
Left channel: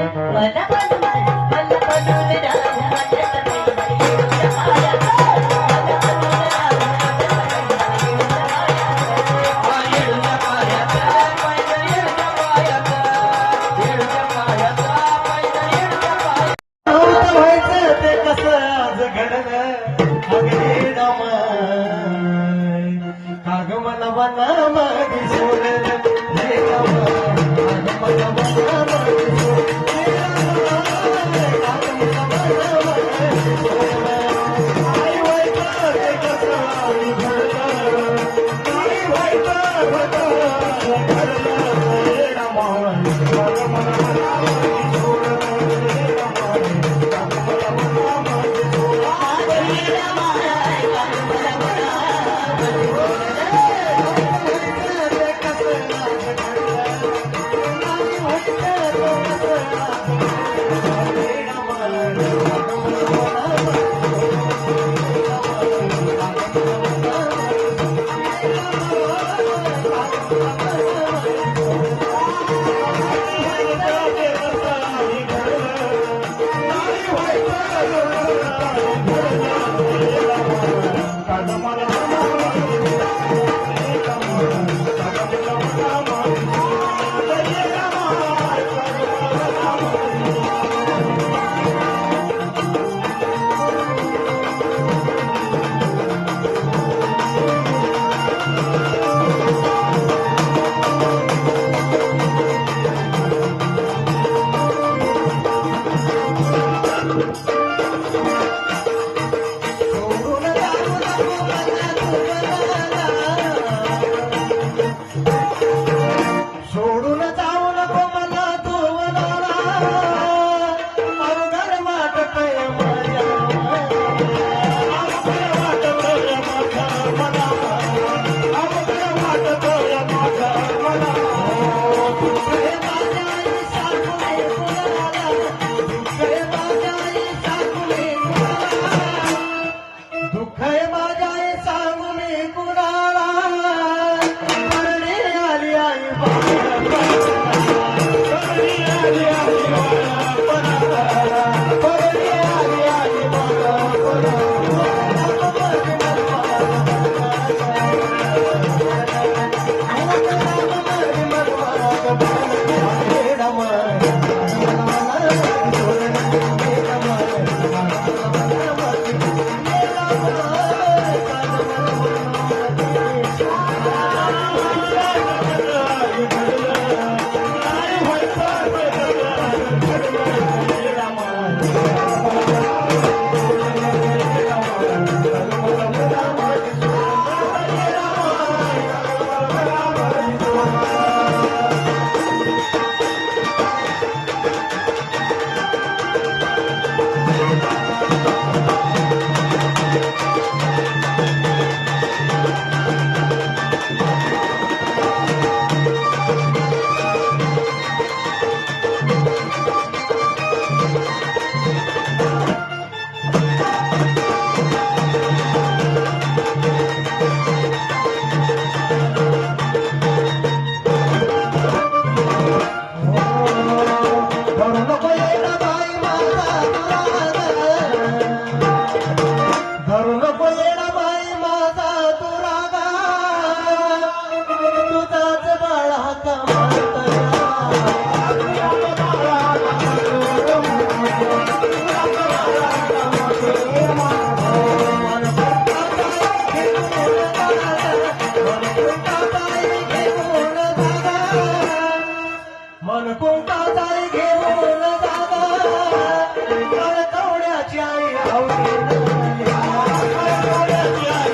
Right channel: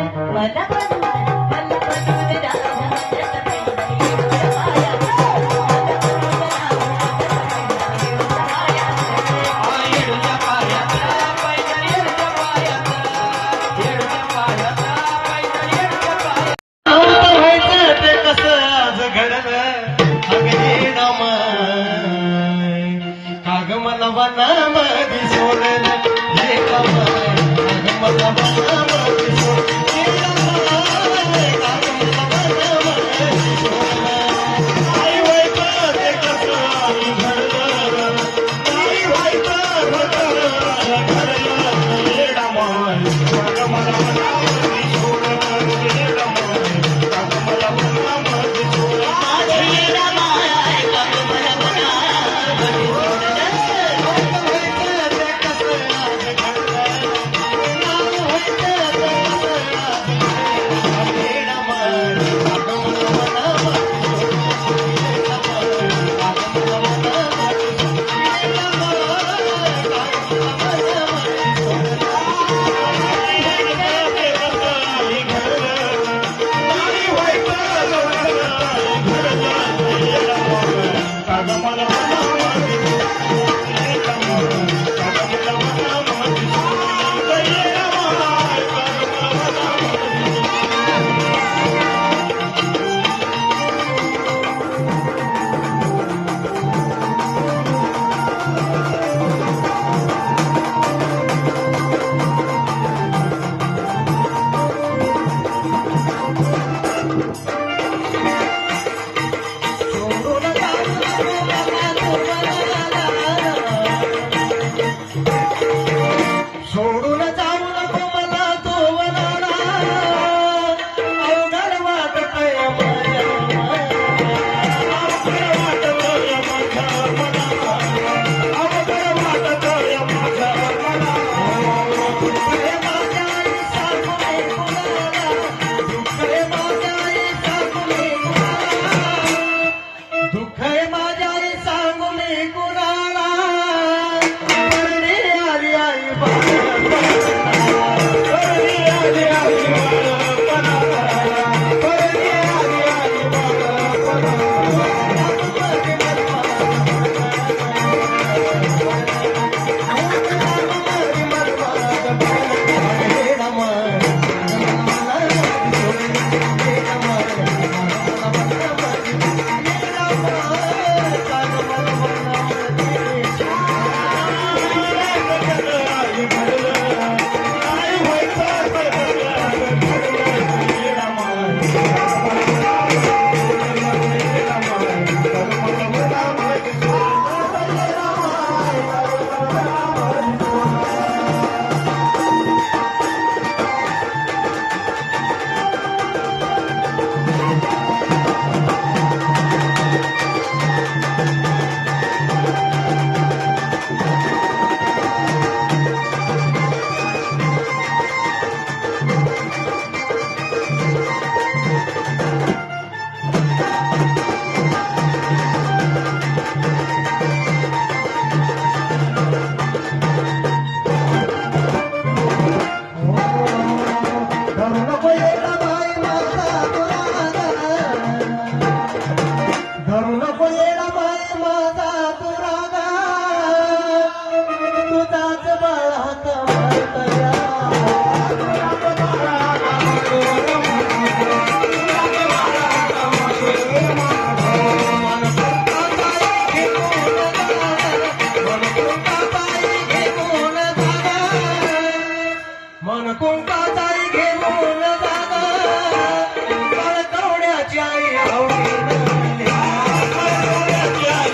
ते कसं आज घडलं अगदी नामाय काग मला वनामध्ये सोडलं हे काग मला वनामध्ये सोडलं आई व्हायचं ते कसं आज घडलं नाही व्हायचं होतं घडलं हे नामाय काग मला वनामध्ये सोडलं हे नामाय धरू नको येडा बाई माझा तुरागा धरू नको येडा बाई माझा तुरागा तुझाच बाळा मन कुंकाताई घेऊन जागा कळकवड्याची आई आवडी कळकवड्याची आई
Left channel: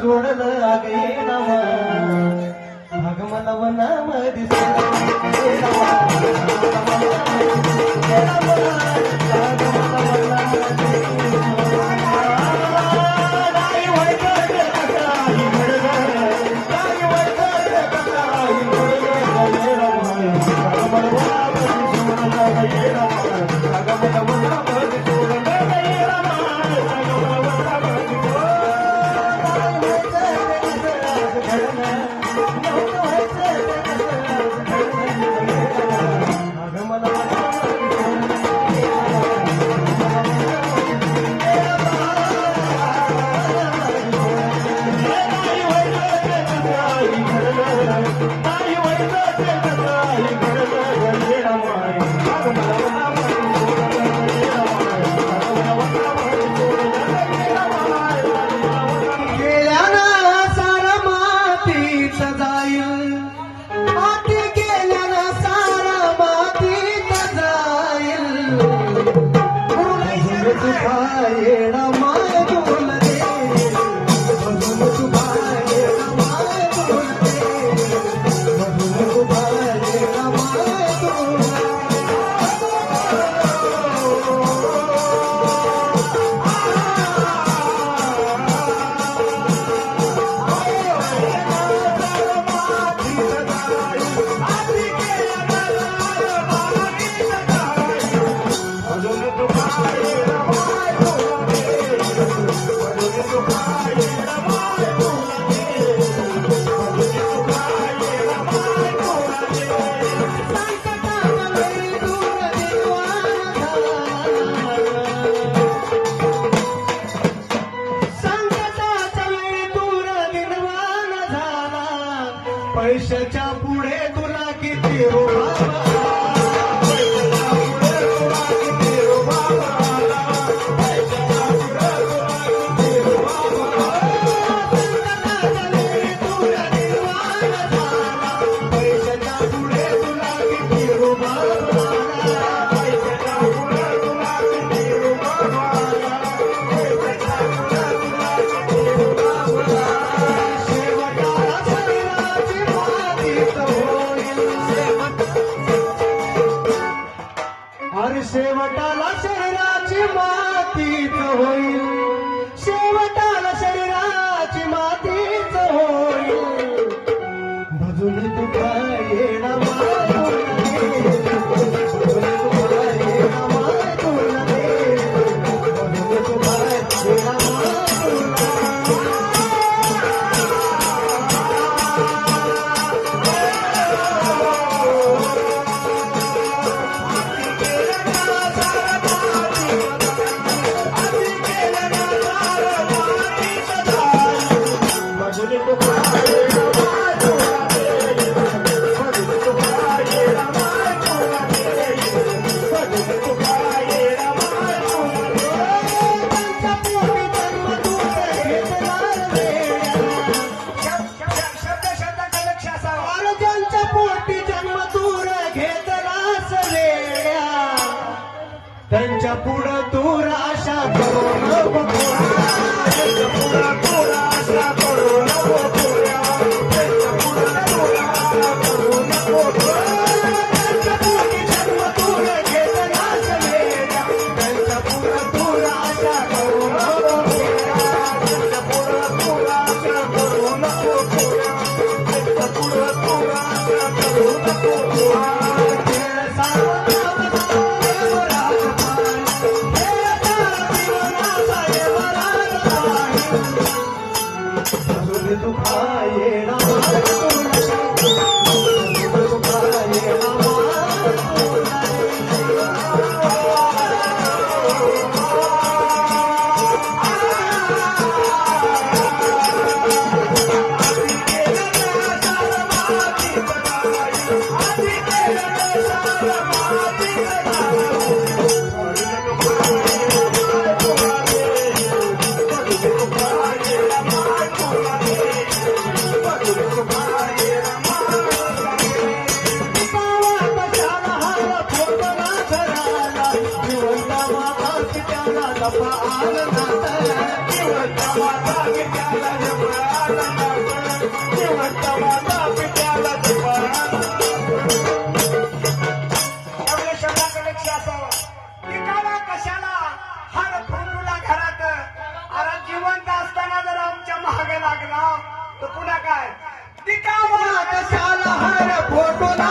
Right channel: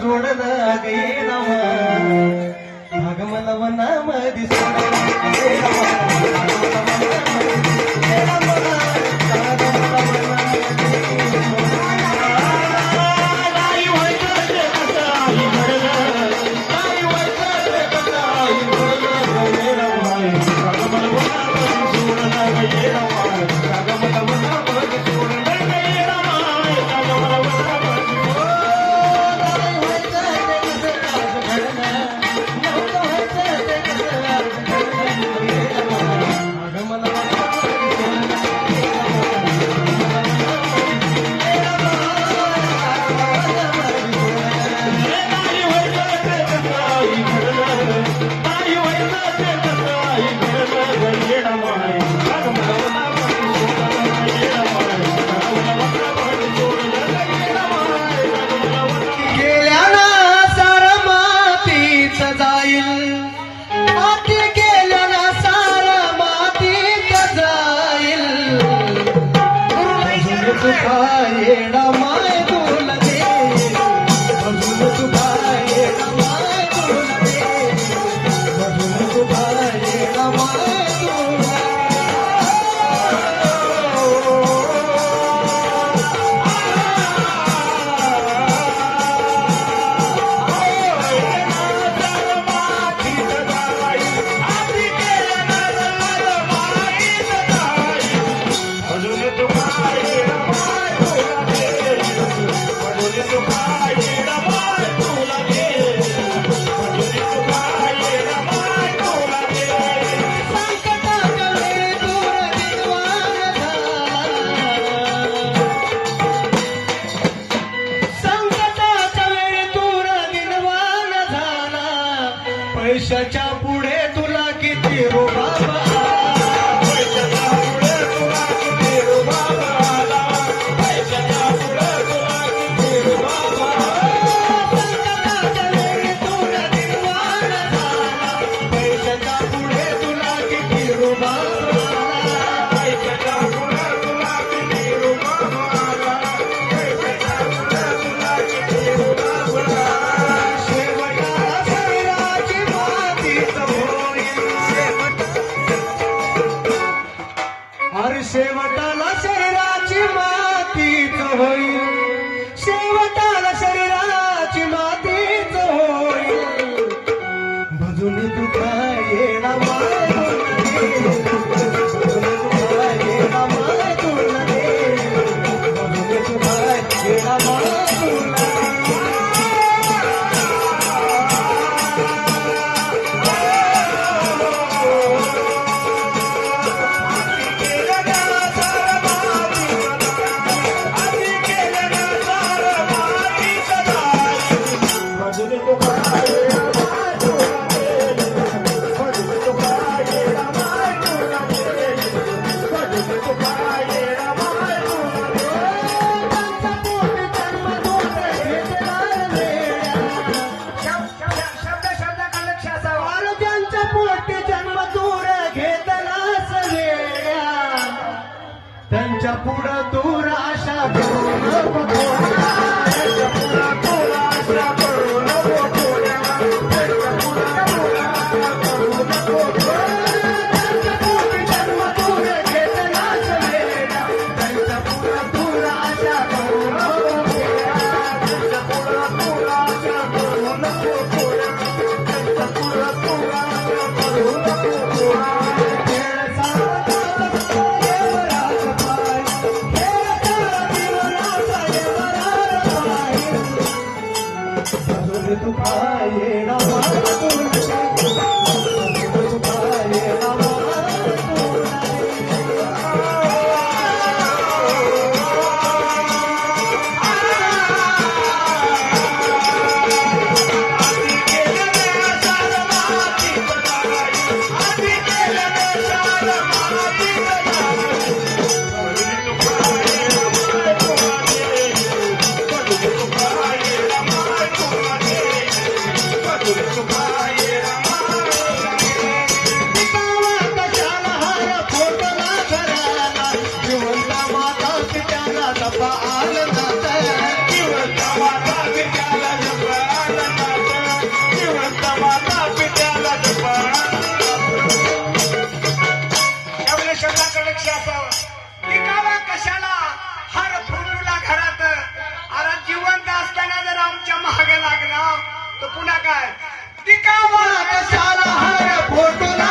जोडलं गेला भागमला वनामधी पैशाच्या पुढे तुला किती रुबाब आला. पैशाच्या पुढे तुला किती रुबाब आला. पैशाच्या पुढे तुला किती रुबाब आला. तुला निर्वाण झाला. पैशाच्या पुढे तुला किती रुबाब आला. पैशाच्या पुढे तुला किती रुबाब आला. पैशाच्या पुढे तुला किती रुबाब आला. शेवटाला शरीराची मातीच होईल. अरे शेवटाला शरीराची मातीच होईल. शेवटाला शरीराची मातीच होईल. भजून तुका येणार माय भजून तुका येणार माय तुला रे. भजून तुका येणार माय तुला. आरोग्यांच्या पोटी जन्म दूर घेतलास वेड्या. त्यांच्या पुढं दूर आशा करू नको कोणा. त्यांच्या पुढं दूर आशा करू नको कोणा. त्यांच्या पुढं दूर आशा करू नको कोणा. त्यांच्या पोटी जन्म दूर घेतलास वेड्या. त्यांच्या पुढं दूर आशा करू नको कोणा. त्यांच्या पुढं दूर आशा करू नको कोणा. त्यांच्या पुढं दूर आशा करू नको कोणा. तुका येणार तुका येणार. एवढ्या शब्दाचं लक्ष असावं. टिकावा कशाला हर फोटोला घरात. अरे जिवंत असताना जर आमच्या महाग लागला तर पुन्हा काय. टिकावा कशाला हर फोटोला